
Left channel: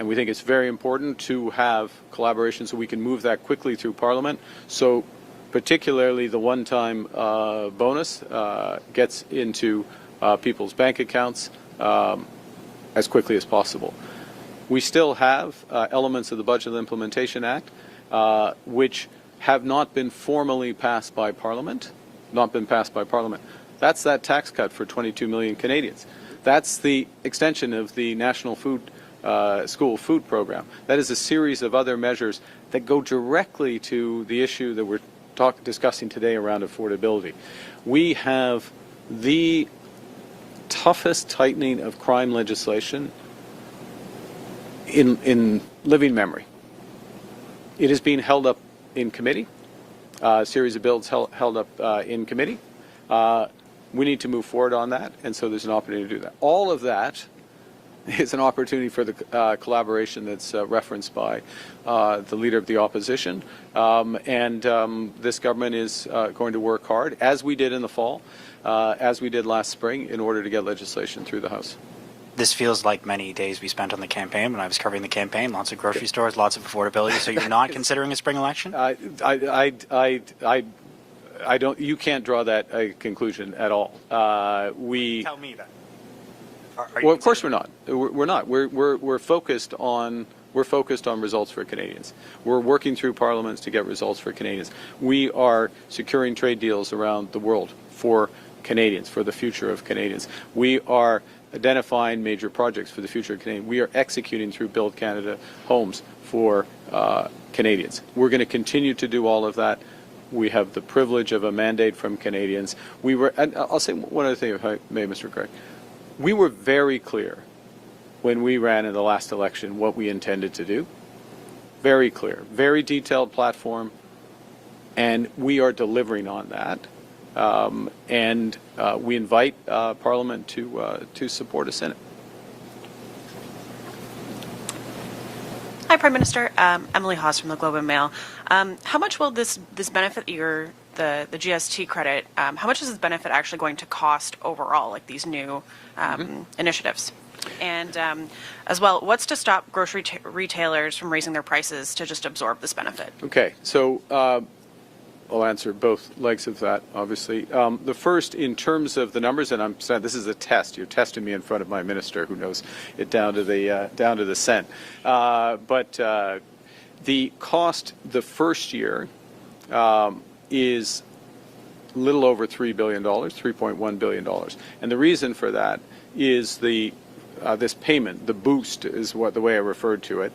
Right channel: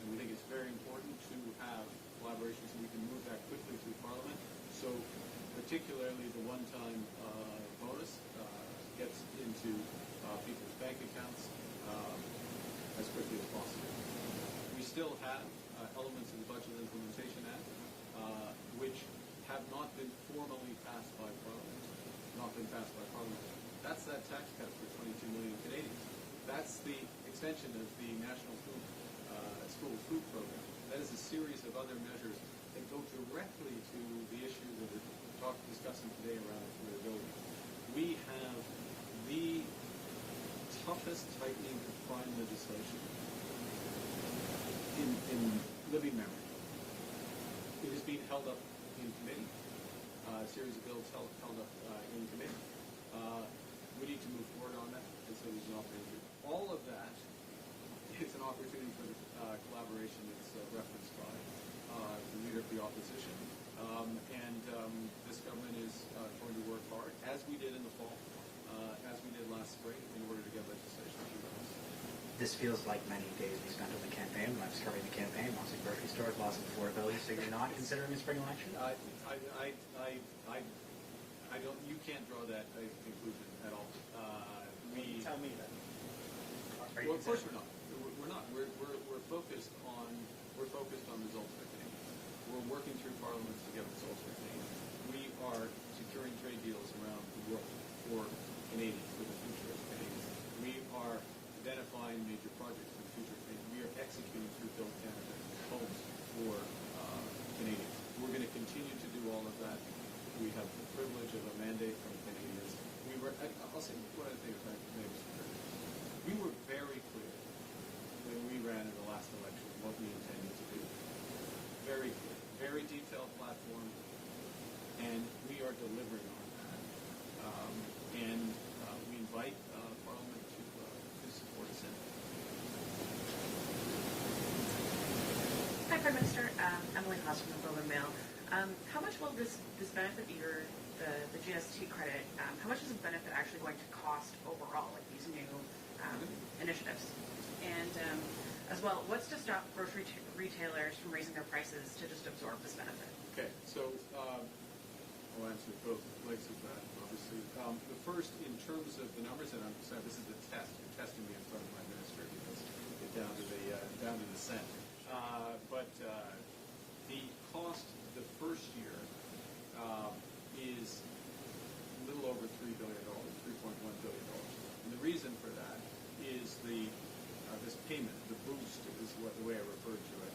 and we think it's very important, to have collaboration so we can move that quickly through Parliament. So particularly the one-time bonus gets into people's bank accounts as quickly as possible. We still have elements of the Budget Implementation Act which have not been formally passed by Parliament, That's that tax cut for 22 million Canadians. That's the extension of the National School Food Program. That is a series of other measures that go directly to the issue that we're discussing today around affordability. We have the toughest tightening of crime legislation in living memory. It is being held up in committee, a series of bills held up in committee. We need to move forward on that, and so there's an opportunity to do that. All of that is an opportunity for the collaboration that's referenced by the Leader of the Opposition. This government is going to work hard, as we did in the fall, as we did last spring, in order to get legislation through the House. This feels like many days we spent on the campaign. When I was covering the campaign, lots of grocery stores, lots of affordability. So you're not considering a spring election? I don't. You can't draw that conclusion at all. Tell me that. Well, of course we're not. We're not. We're focused on results for Canadians. We're working through parliaments to get results for Canadians. We are securing trade deals around the world for Canadians, for the future of Canadians. We are identifying major projects for the future of Canadians. We are executing through Build Canada homes for Canadians. We're going to continue to do all of that. We have the privilege of a mandate from Canadians. And I'll say one other thing, if I may, Mr. Craig. We were very clear when we ran in the last election what we intended to do. Very clear, very detailed platform, and we are delivering on that. We invite Parliament to support us in it. Hi, Prime Minister. Emily Haas from the Globe and Mail. How much will this benefit the GST credit? How much is this benefit actually going to cost overall, like these new initiatives? And as well, what's to stop grocery retailers from raising their prices to just absorb this benefit? Okay, so I'll answer both legs of that, obviously. The first, in terms of the numbers, and I'm saying this is a test. You're testing me in front of my minister, who knows it down to the cent. But the cost the first year is a little over $3 billion, $3.1 billion, and the reason for that is this payment, the boost, is the way I referred to it,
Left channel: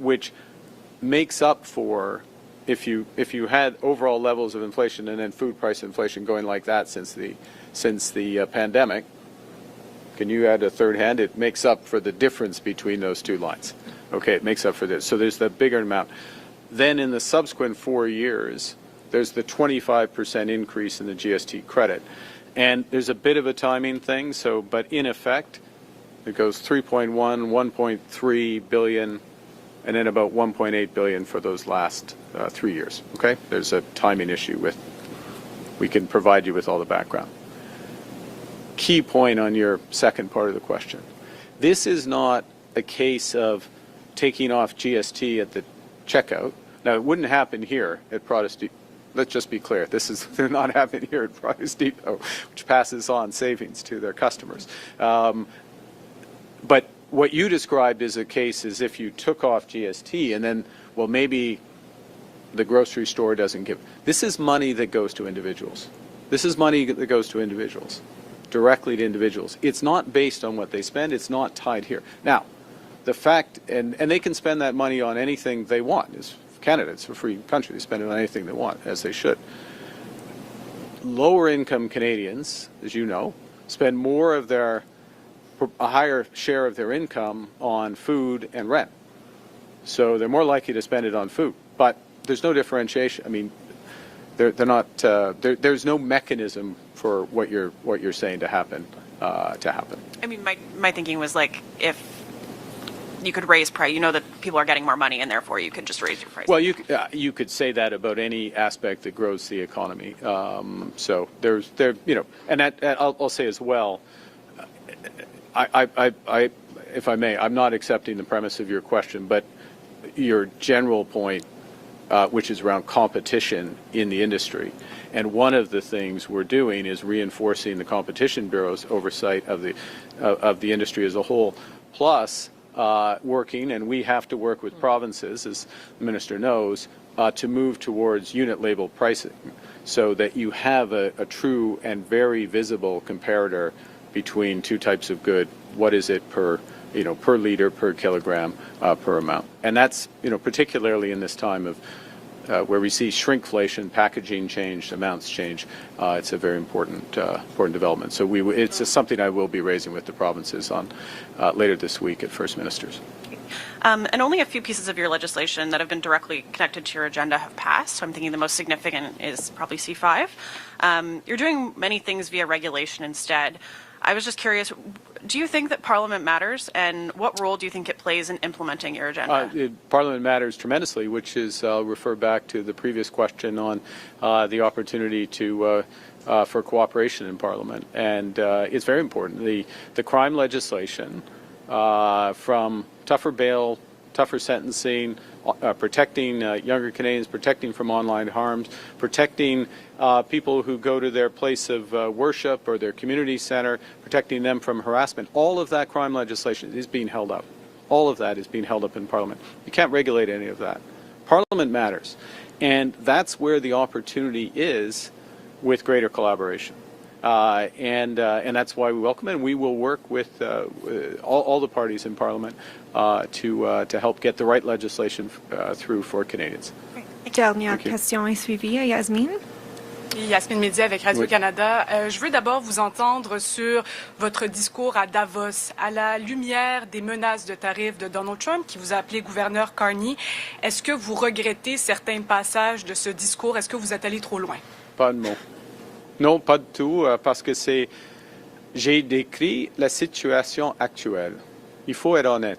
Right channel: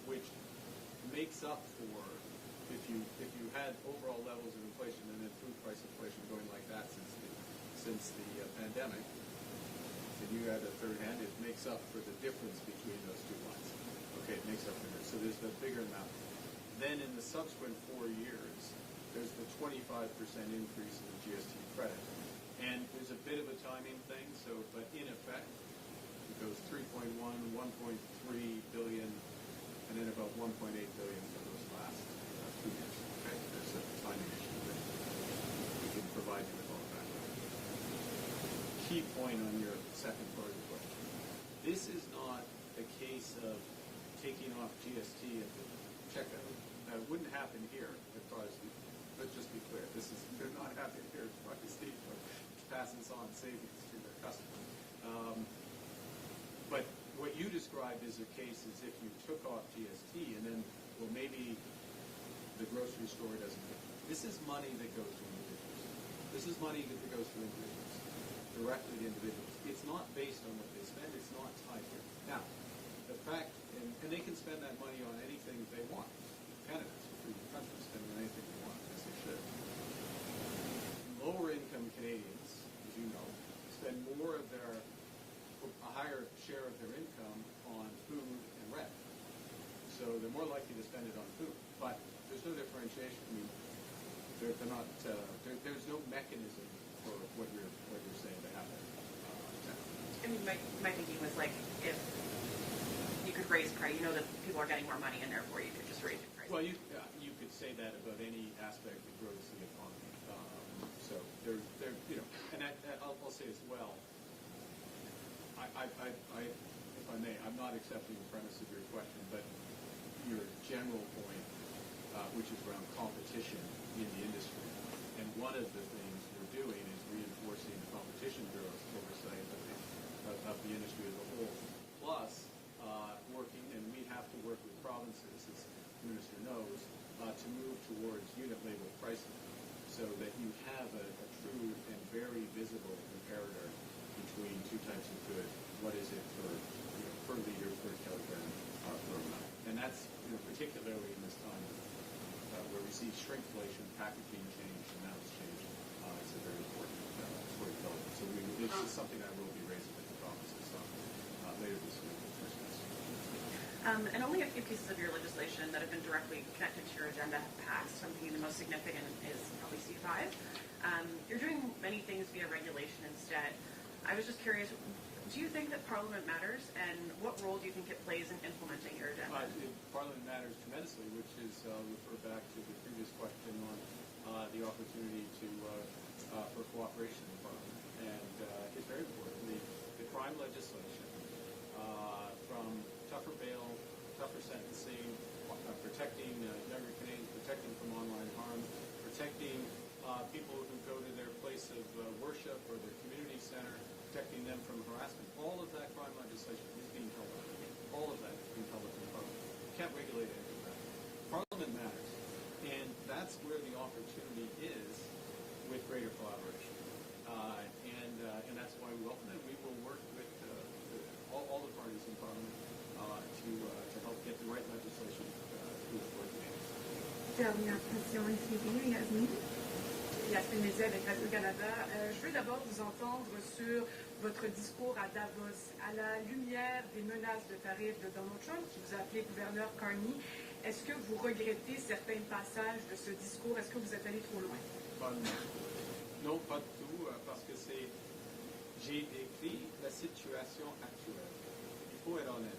which makes up for. If you had overall levels of inflation and then food price inflation going like that since the pandemic, can you add a third hand? It makes up for the difference between those two lines. Okay, it makes up for this. So there's the bigger amount. Then in the subsequent 4 years, there's the 25% increase in the GST credit. And there's a bit of a timing thing, so, but in effect, it goes 3.1, 1.3 billion, and then about 1.8 billion for those last 3 years, okay? There's a timing issue with, we can provide you with all the background. Key point on your second part of the question. This is not a case of taking off GST at the checkout. Now, it wouldn't happen here at Protestant. Let's just be clear. This is not happening here at Price Depot, which passes on savings to their customers. But what you described is a case as if you took off GST and then, well, maybe the grocery store doesn't give. This is money that goes to individuals. This is money that goes to individuals, directly to individuals. It's not based on what they spend. It's not tied here. Now, the fact, and they can spend that money on anything they want. It's Canada, it's a free country. They spend it on anything they want, as they should. Lower income Canadians, as you know, spend more of a higher share of their income on food and rent. So they're more likely to spend it on food. But there's no differentiation. I mean, they're not, there's no mechanism for what you're saying to happen. I mean, my thinking was like, if you could raise price, you know that people are getting more money and therefore you could just raise your price. Well, you could say that about any aspect that grows the economy. So and I'll say as well, if I may, I'm not accepting the premise of your question, but your general point, which is around competition in the industry. And one of the things we're doing is reinforcing the Competition Bureau's oversight of the industry as a whole, plus working, and we have to work with provinces, as the Minister knows, to move towards unit label pricing so that you have a true and very visible comparator between two types of good. What is it per liter, per kilogram, per amount? And that's, particularly in this time of where we see shrinkflation, packaging change, amounts change. It's a very important development. So it's something I will be raising with the provinces on later this week at First Ministers. And only a few pieces of your legislation that have been directly connected to your agenda have passed. So I'm thinking the most significant is probably C5. You're doing many things via regulation instead. I was just curious, do you think that Parliament matters, and what role do you think it plays in implementing your agenda? Parliament matters tremendously, which is, I'll refer back to the previous question on the opportunity for cooperation in Parliament. And it's very important. The crime legislation, from tougher bail, tougher sentencing, protecting younger Canadians, protecting from online harms, protecting people who go to their place of worship or their community center, protecting them from harassment. All of that crime legislation is being held up. All of that is being held up in Parliament. You can't regulate any of that. Parliament matters. And that's where the opportunity is with greater collaboration. And that's why we welcome it. And we will work with all the parties in Parliament to help get the right legislation through for Canadians. Dernière question est suivie. Yasmine. Yasmine Média avec Radio-Canada. Je veux d'abord vous entendre sur votre discours à Davos. À la lumière des menaces de tarifs de Donald Trump, qui vous a appelé gouverneur Carney, est-ce que vous regrettez certains passages de ce discours? Est-ce que vous êtes allé trop loin? Pas de mots. Non, pas du tout, parce que j'ai décrit la situation actuelle. Il faut être honnête.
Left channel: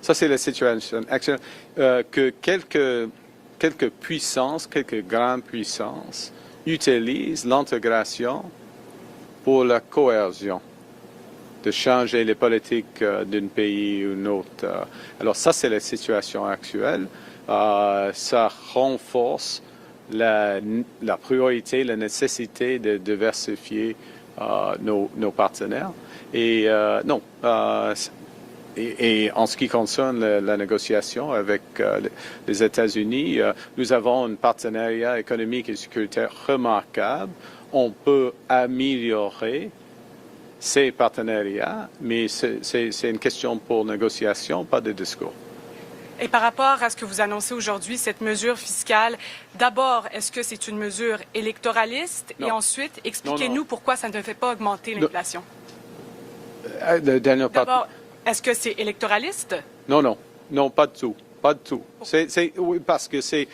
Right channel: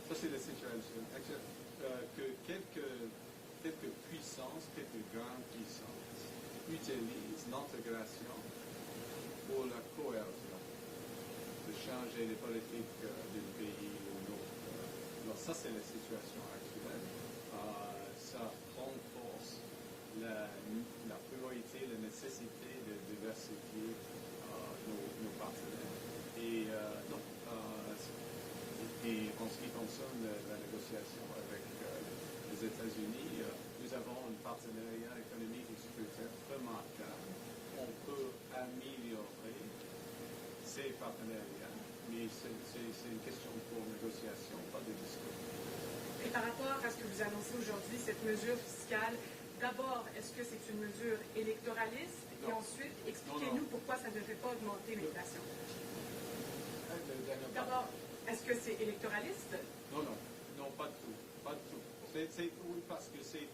Ça, c'est la situation actuelle. Que quelques puissances, quelques grandes puissances, utilisent l'intégration pour la cohésion, de changer les politiques d'un pays ou d'un autre. Alors ça, c'est la situation actuelle. Ça renforce la priorité, la nécessité de diversifier nos partenaires. Et non, et en ce qui concerne la négociation avec les États-Unis, nous avons un partenariat économique et sécuritaire remarquable. On peut améliorer ces partenariats, mais c'est une question pour négociation, pas de discours. Et par rapport à ce que vous annoncez aujourd'hui, cette mesure fiscale, d'abord, est-ce que c'est une mesure électoraliste? Non. Et ensuite, expliquez-nous pourquoi ça ne fait pas augmenter l'inflation. D'abord, Est-ce que c'est électoraliste? Non, pas du tout. pas de tout. Oui, parce que c'est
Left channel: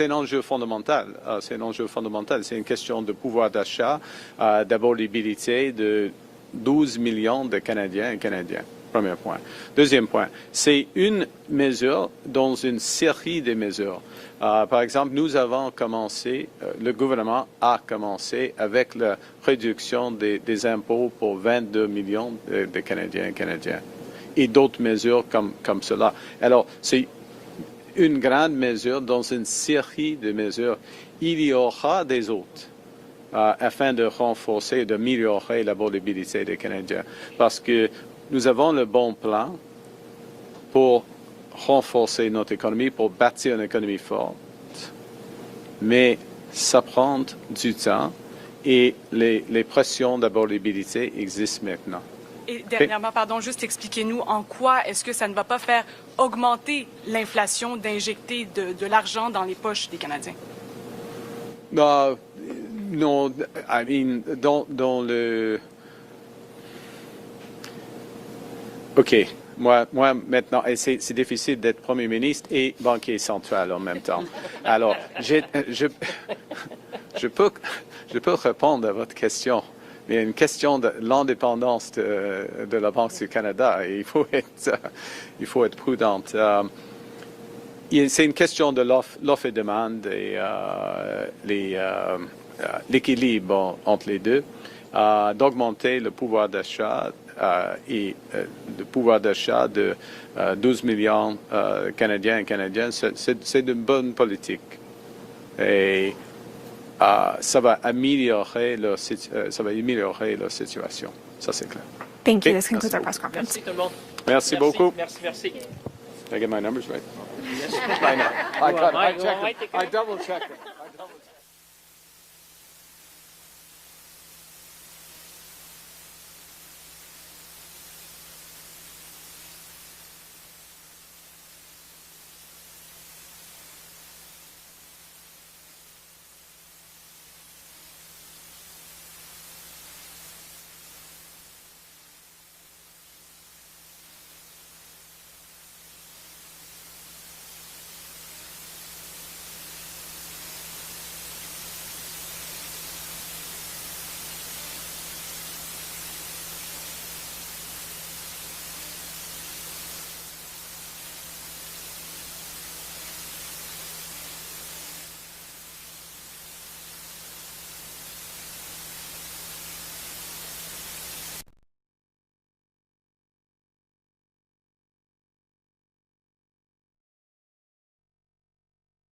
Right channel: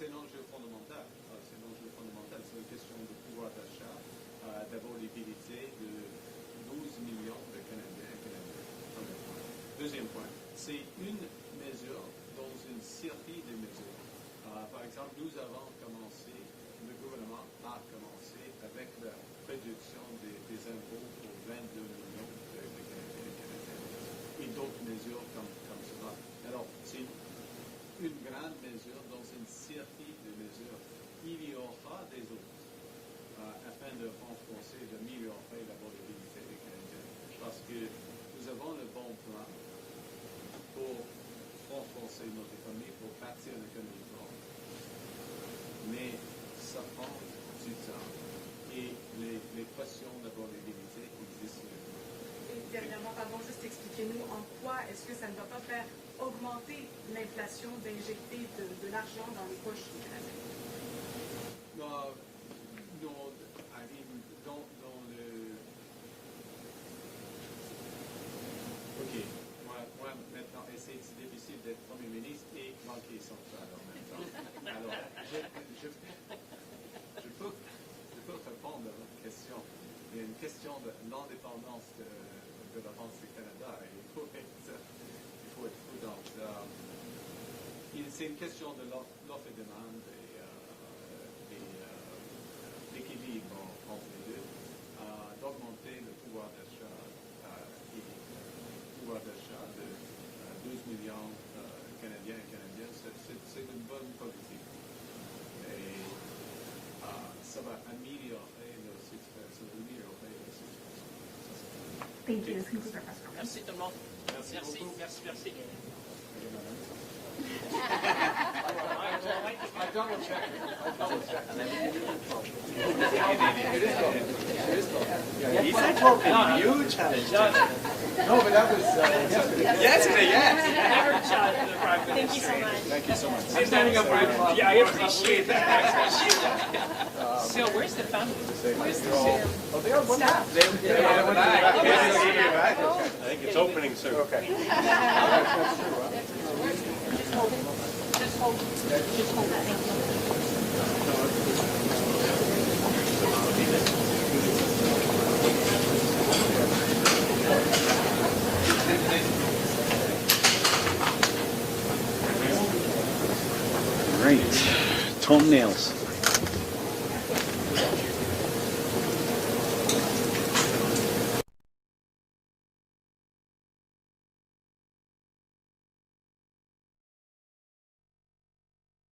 un enjeu fondamental. C'est un enjeu fondamental. C'est une question de pouvoir d'achat, d'affordabilité de 12 millions de Canadiens et Canadiennes. Premier point. Deuxième point, c'est une mesure dans une série de mesures. Par exemple, nous avons commencé, le gouvernement a commencé avec la réduction des impôts pour 22 millions de Canadiens et Canadiennes et d'autres mesures comme cela. Alors, c'est une grande mesure dans une série de mesures. Il y aura des autres afin de renforcer, d'améliorer l'abordabilité des Canadiens. Parce que nous avons le bon plan pour renforcer notre économie, pour bâtir une économie forte. Mais ça prend du temps et les pressions d'abordabilité existent maintenant. Et dernièrement, pardon, juste expliquez-nous en quoi est-ce que ça ne va pas faire augmenter l'inflation d'injecter de l'argent dans les poches des Canadiens? Non, I mean, dans le... OK. Moi, maintenant, et c'est difficile d'être Premier ministre et banquier central en même temps. Alors, je peux répondre à votre question. Mais il y a une question de l'indépendance de la Banque du Canada et il faut être prudente. C'est une question de l'offre et demande et l'équilibre entre les deux, d'augmenter le pouvoir d'achat et le pouvoir d'achat de 12 millions Canadiens et Canadiennes. C'est une bonne politique. Et ça va améliorer leur situation. Ça, c'est clair. Thank you. Okay. This concludes our press conference. Merci tout le monde. Merci beaucoup. Merci. Did I get my numbers right? Yes. I double checked. No, but that was yesterday. Yes. Thank you so much. Thank you so much. I'm standing up for it. Yeah, I appreciate that. So, where's the family? Where's the family? Oh, they are wonderful. I think it's opening soon. Okay. Great. Toenails.